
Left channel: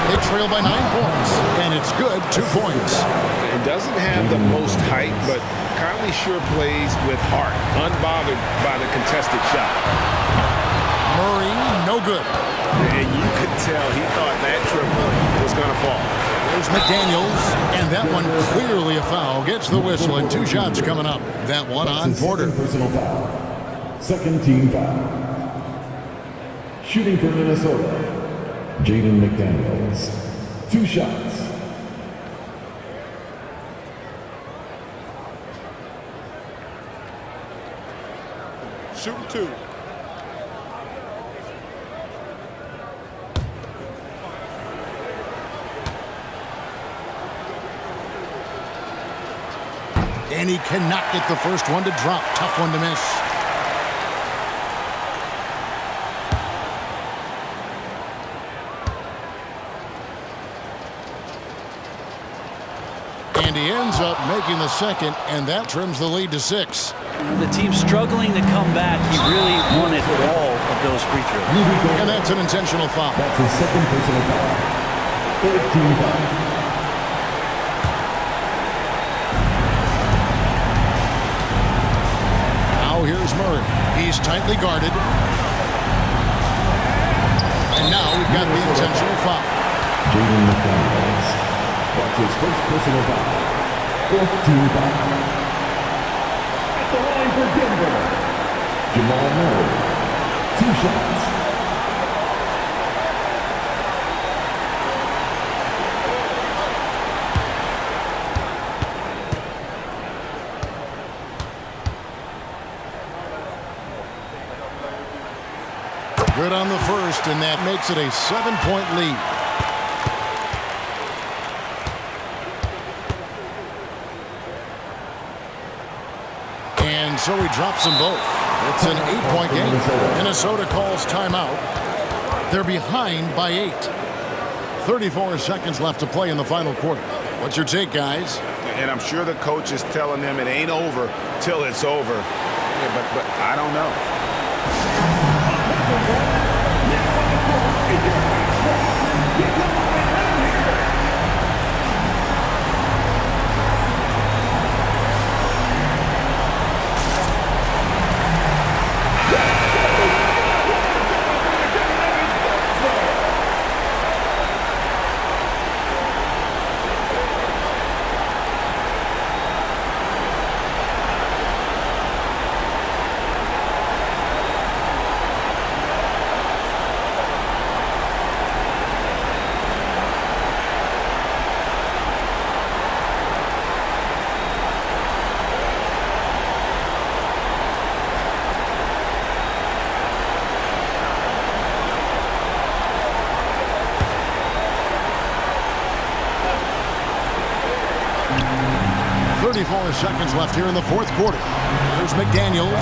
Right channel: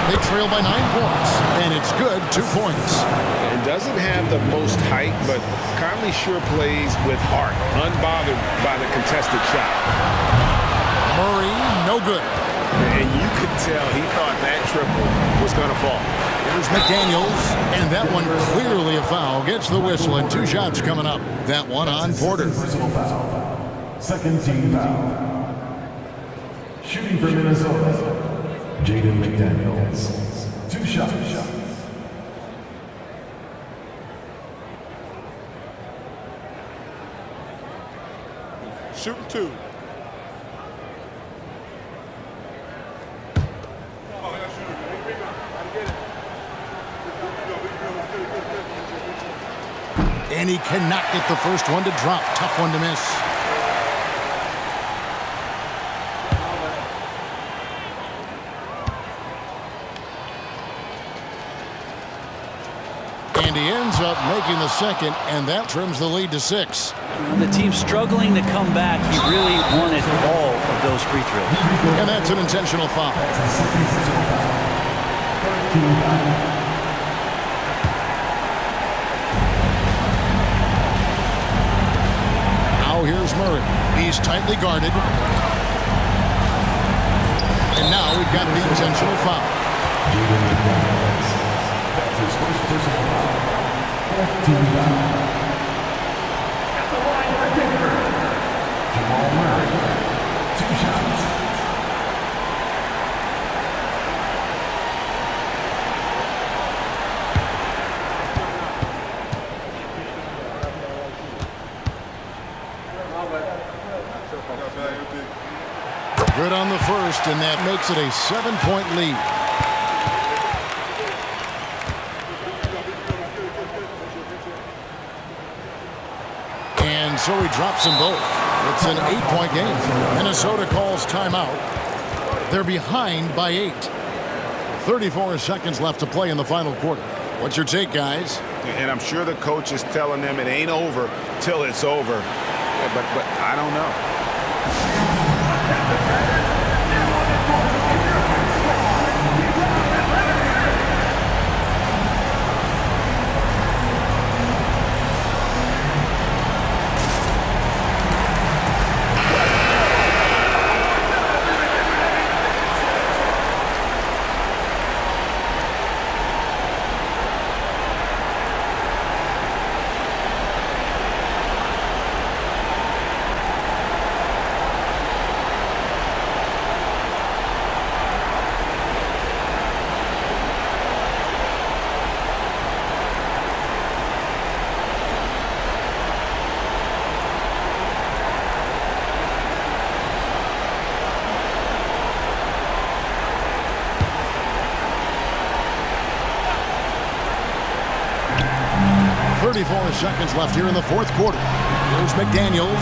They trail by 9 points, and it's good, 2 points. And doesn't have the most height, but Conley sure plays with heart, unbothered by the contested shot. Murray, no good. And you could tell he thought that triple was going to fall. Here's McDaniels, and that one clearly a foul. Gets the whistle, and 2 shots coming up. That one on Porter. Personal foul. Second team foul. Shooting for Minnesota, Jaden McDaniels. 2 shots. Shooting 2. And he cannot get the first one to drop. Tough one to miss. And he ends up making the second, and that trims the lead to 6. The team's struggling to come back. He really wanted all of those free throws. And that's an intentional foul. That's his second personal foul. Third team foul. Now here's Murray. He's tightly guarded. And now we've got the intentional foul. Jaden McDaniels. That's his first personal foul. Fourth team foul. At the line for Denver, Jamal Murray. 2 shots. Good on the first, and that makes it a 7-point lead. And so he drops them both. It's an 8-point game. Minnesota calls timeout. They're behind by 8. 34 seconds left to play in the final quarter. What's your take, guys? And I'm sure the coach is telling them it ain't over till it's over. Yeah, but I don't know. Seconds left here in the fourth quarter. Here's McDaniels.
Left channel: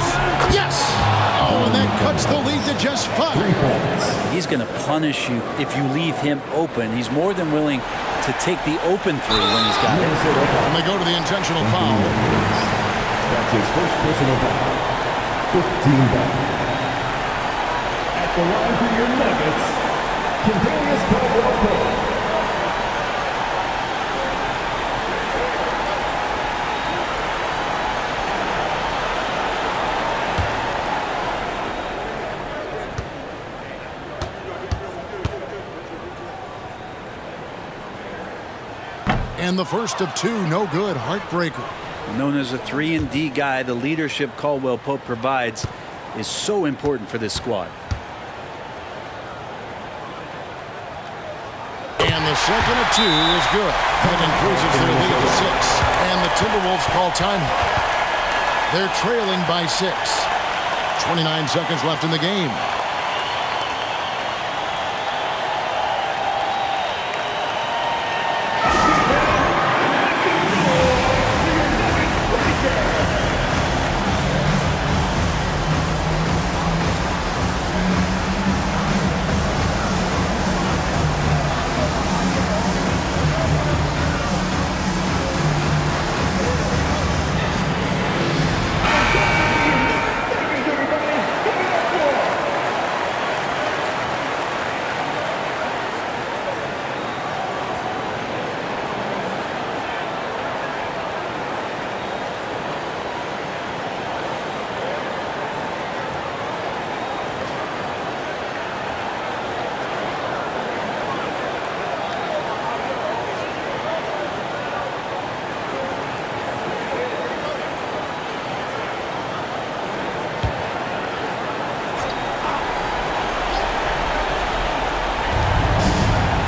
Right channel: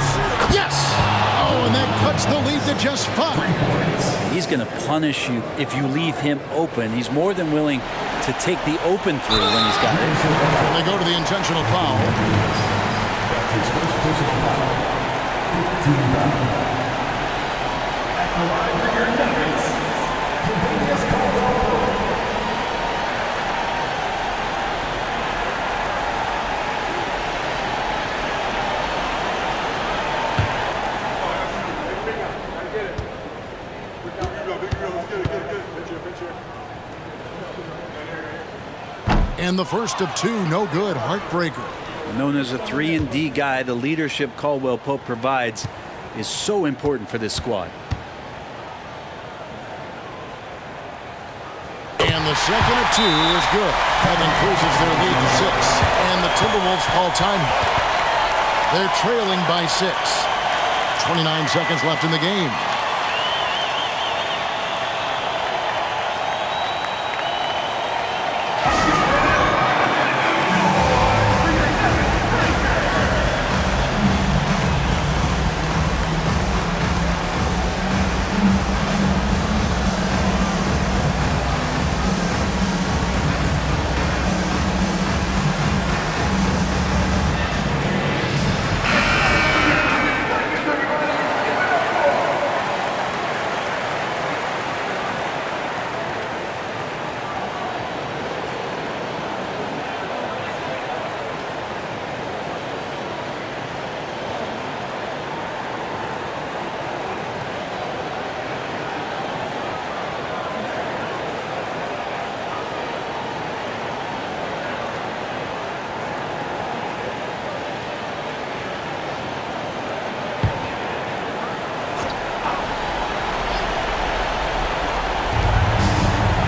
Yes! Oh, and that cuts the lead to just 5. He's going to punish you if you leave him open. He's more than willing to take the open 3 when he's got it. And they go to the intentional foul. That's his first personal foul. 15 foul. At the line for your Nuggets, Kentavious Caldwell-Pope. And the first of 2, no good, heartbreaker. Known as a 3-and-D guy, the leadership Caldwell Pope provides is so important for this squad. And the second of 2 is good. That increases their lead to 6. And the Timberwolves call timeout. They're trailing by 6. 29 seconds left in the game.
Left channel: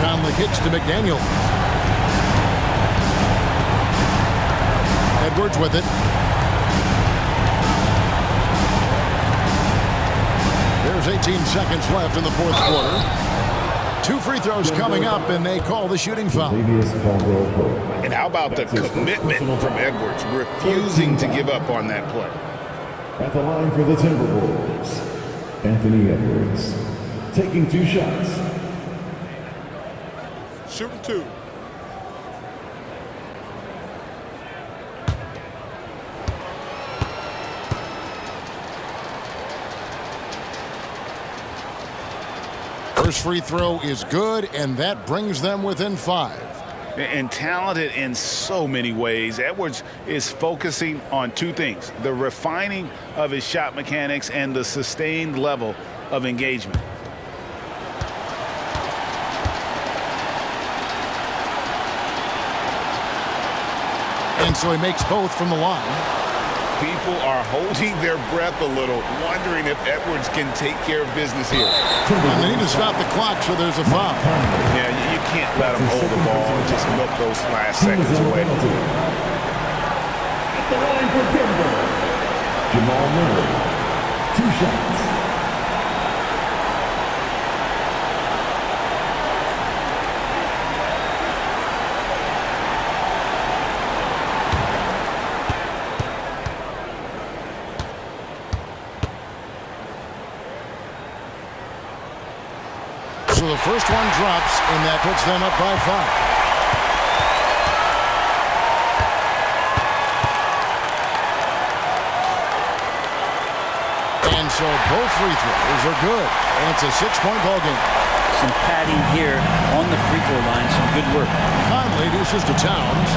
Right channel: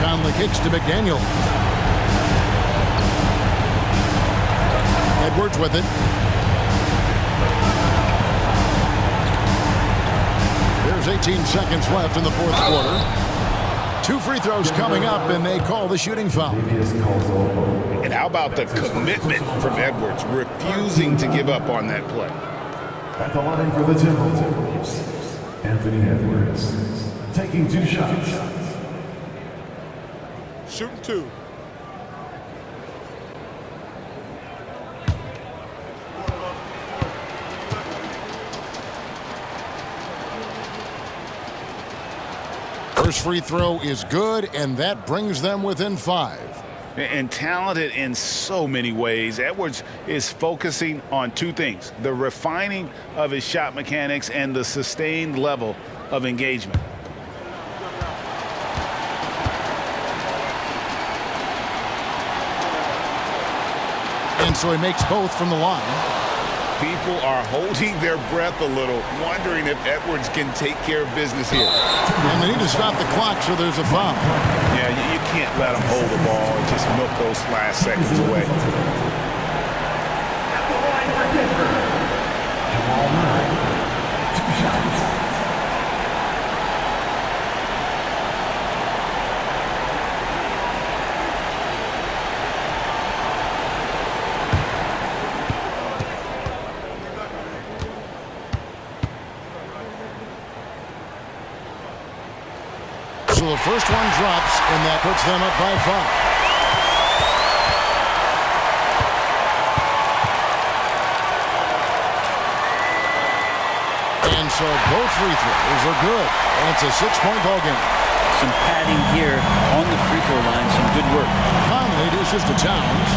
Conley kicks to McDaniel. Edwards with it. There's 18 seconds left in the fourth quarter. 2 free throws coming up, and they call the shooting foul. And how about the commitment from Edwards, refusing to give up on that play? At the line for the Timberwolves, Anthony Edwards, taking 2 shots. Shooting 2. First free throw is good, and that brings them within 5. And talented in so many ways. Edwards is focusing on 2 things: the refining of his shot mechanics and the sustained level of engagement. And so he makes both from the line. People are holding their breath a little, wondering if Edwards can take care of business here. And they need to stop the clock, so there's a foul. Yeah, you can't let him hold the ball and just milk those last seconds away. At the line for Denver, Jamal Murray, 2 shots. So the first one drops, and that puts them up by 5. And so both free throws are good, and it's a 6-point ball game. Some padding here on the free throw line. Some good work. Conley dishes to Towns.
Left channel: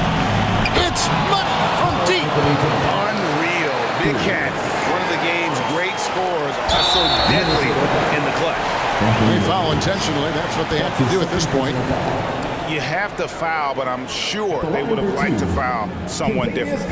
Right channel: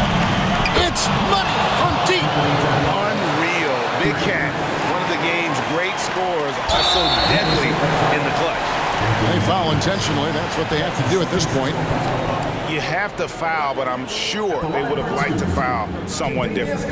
It's money from deep. Unreal. Big Cat, one of the game's great scorers, also deadly in the clutch. They foul intentionally. That's what they have to do at this point. You have to foul, but I'm sure they would have liked to foul someone different.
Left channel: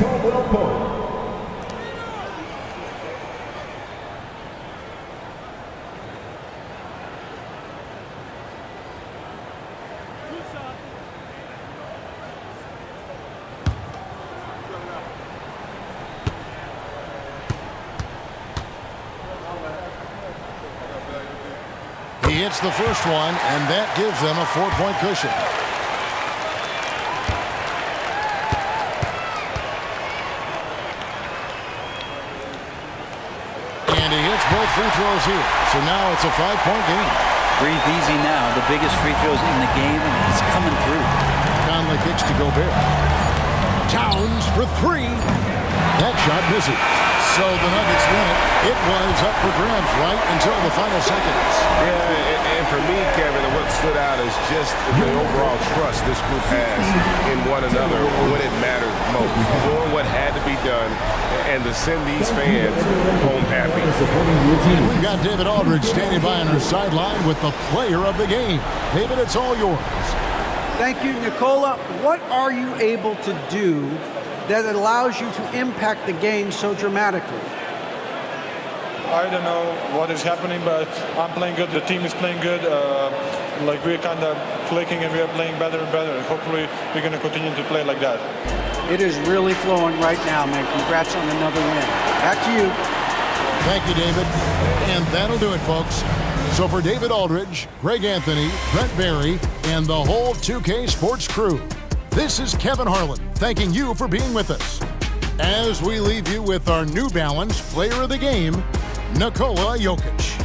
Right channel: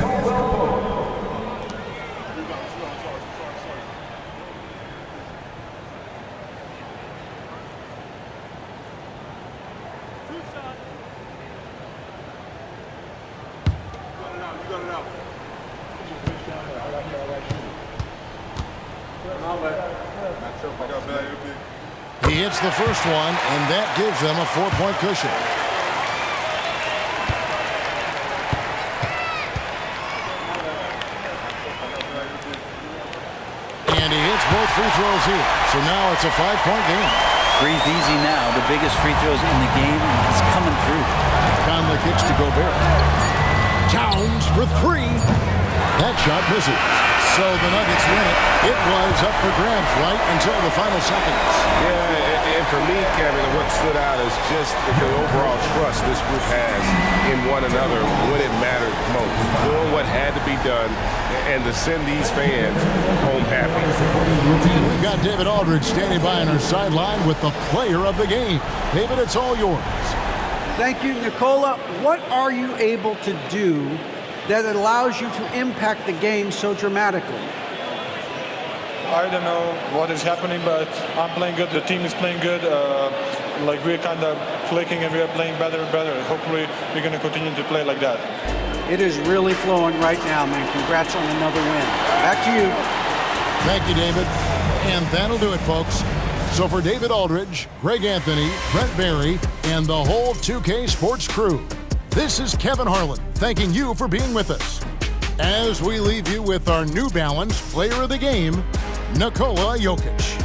He hits the first one, and that gives them a 4-point cushion. And he hits both free throws here. So now it's a 5-point game. Breathe easy now. The biggest free throws in the game, and he's coming through. Conley kicks to Gobert. Towns for 3. That shot misses. So the Nuggets win it. It was up for grabs right until the final seconds. Yeah, and for me, Kevin, what stood out is just the overall trust this group has in one another when it mattered most. Doing what had to be done and to send these fans home happy. And we've got David Aldridge standing by on our sideline with the player of the game. David, it's all yours. Thank you, Nicola. What are you able to do that allows you to impact the game so dramatically? I don't know what is happening, but I'm playing good. The team is playing good. Like we're kind of clicking and we're playing better and better. Hopefully we're going to continue to play like that. It is really flowing right now, man. Congrats on another win. Back to you. Thank you, David. And that'll do it, folks. So for David Aldridge, Greg Anthony, Brent Barry, and the whole 2K Sports crew, this is Kevin Harlan thanking you for being with us. As we leave you with our New Balance Player of the Game, Nikola Jokic.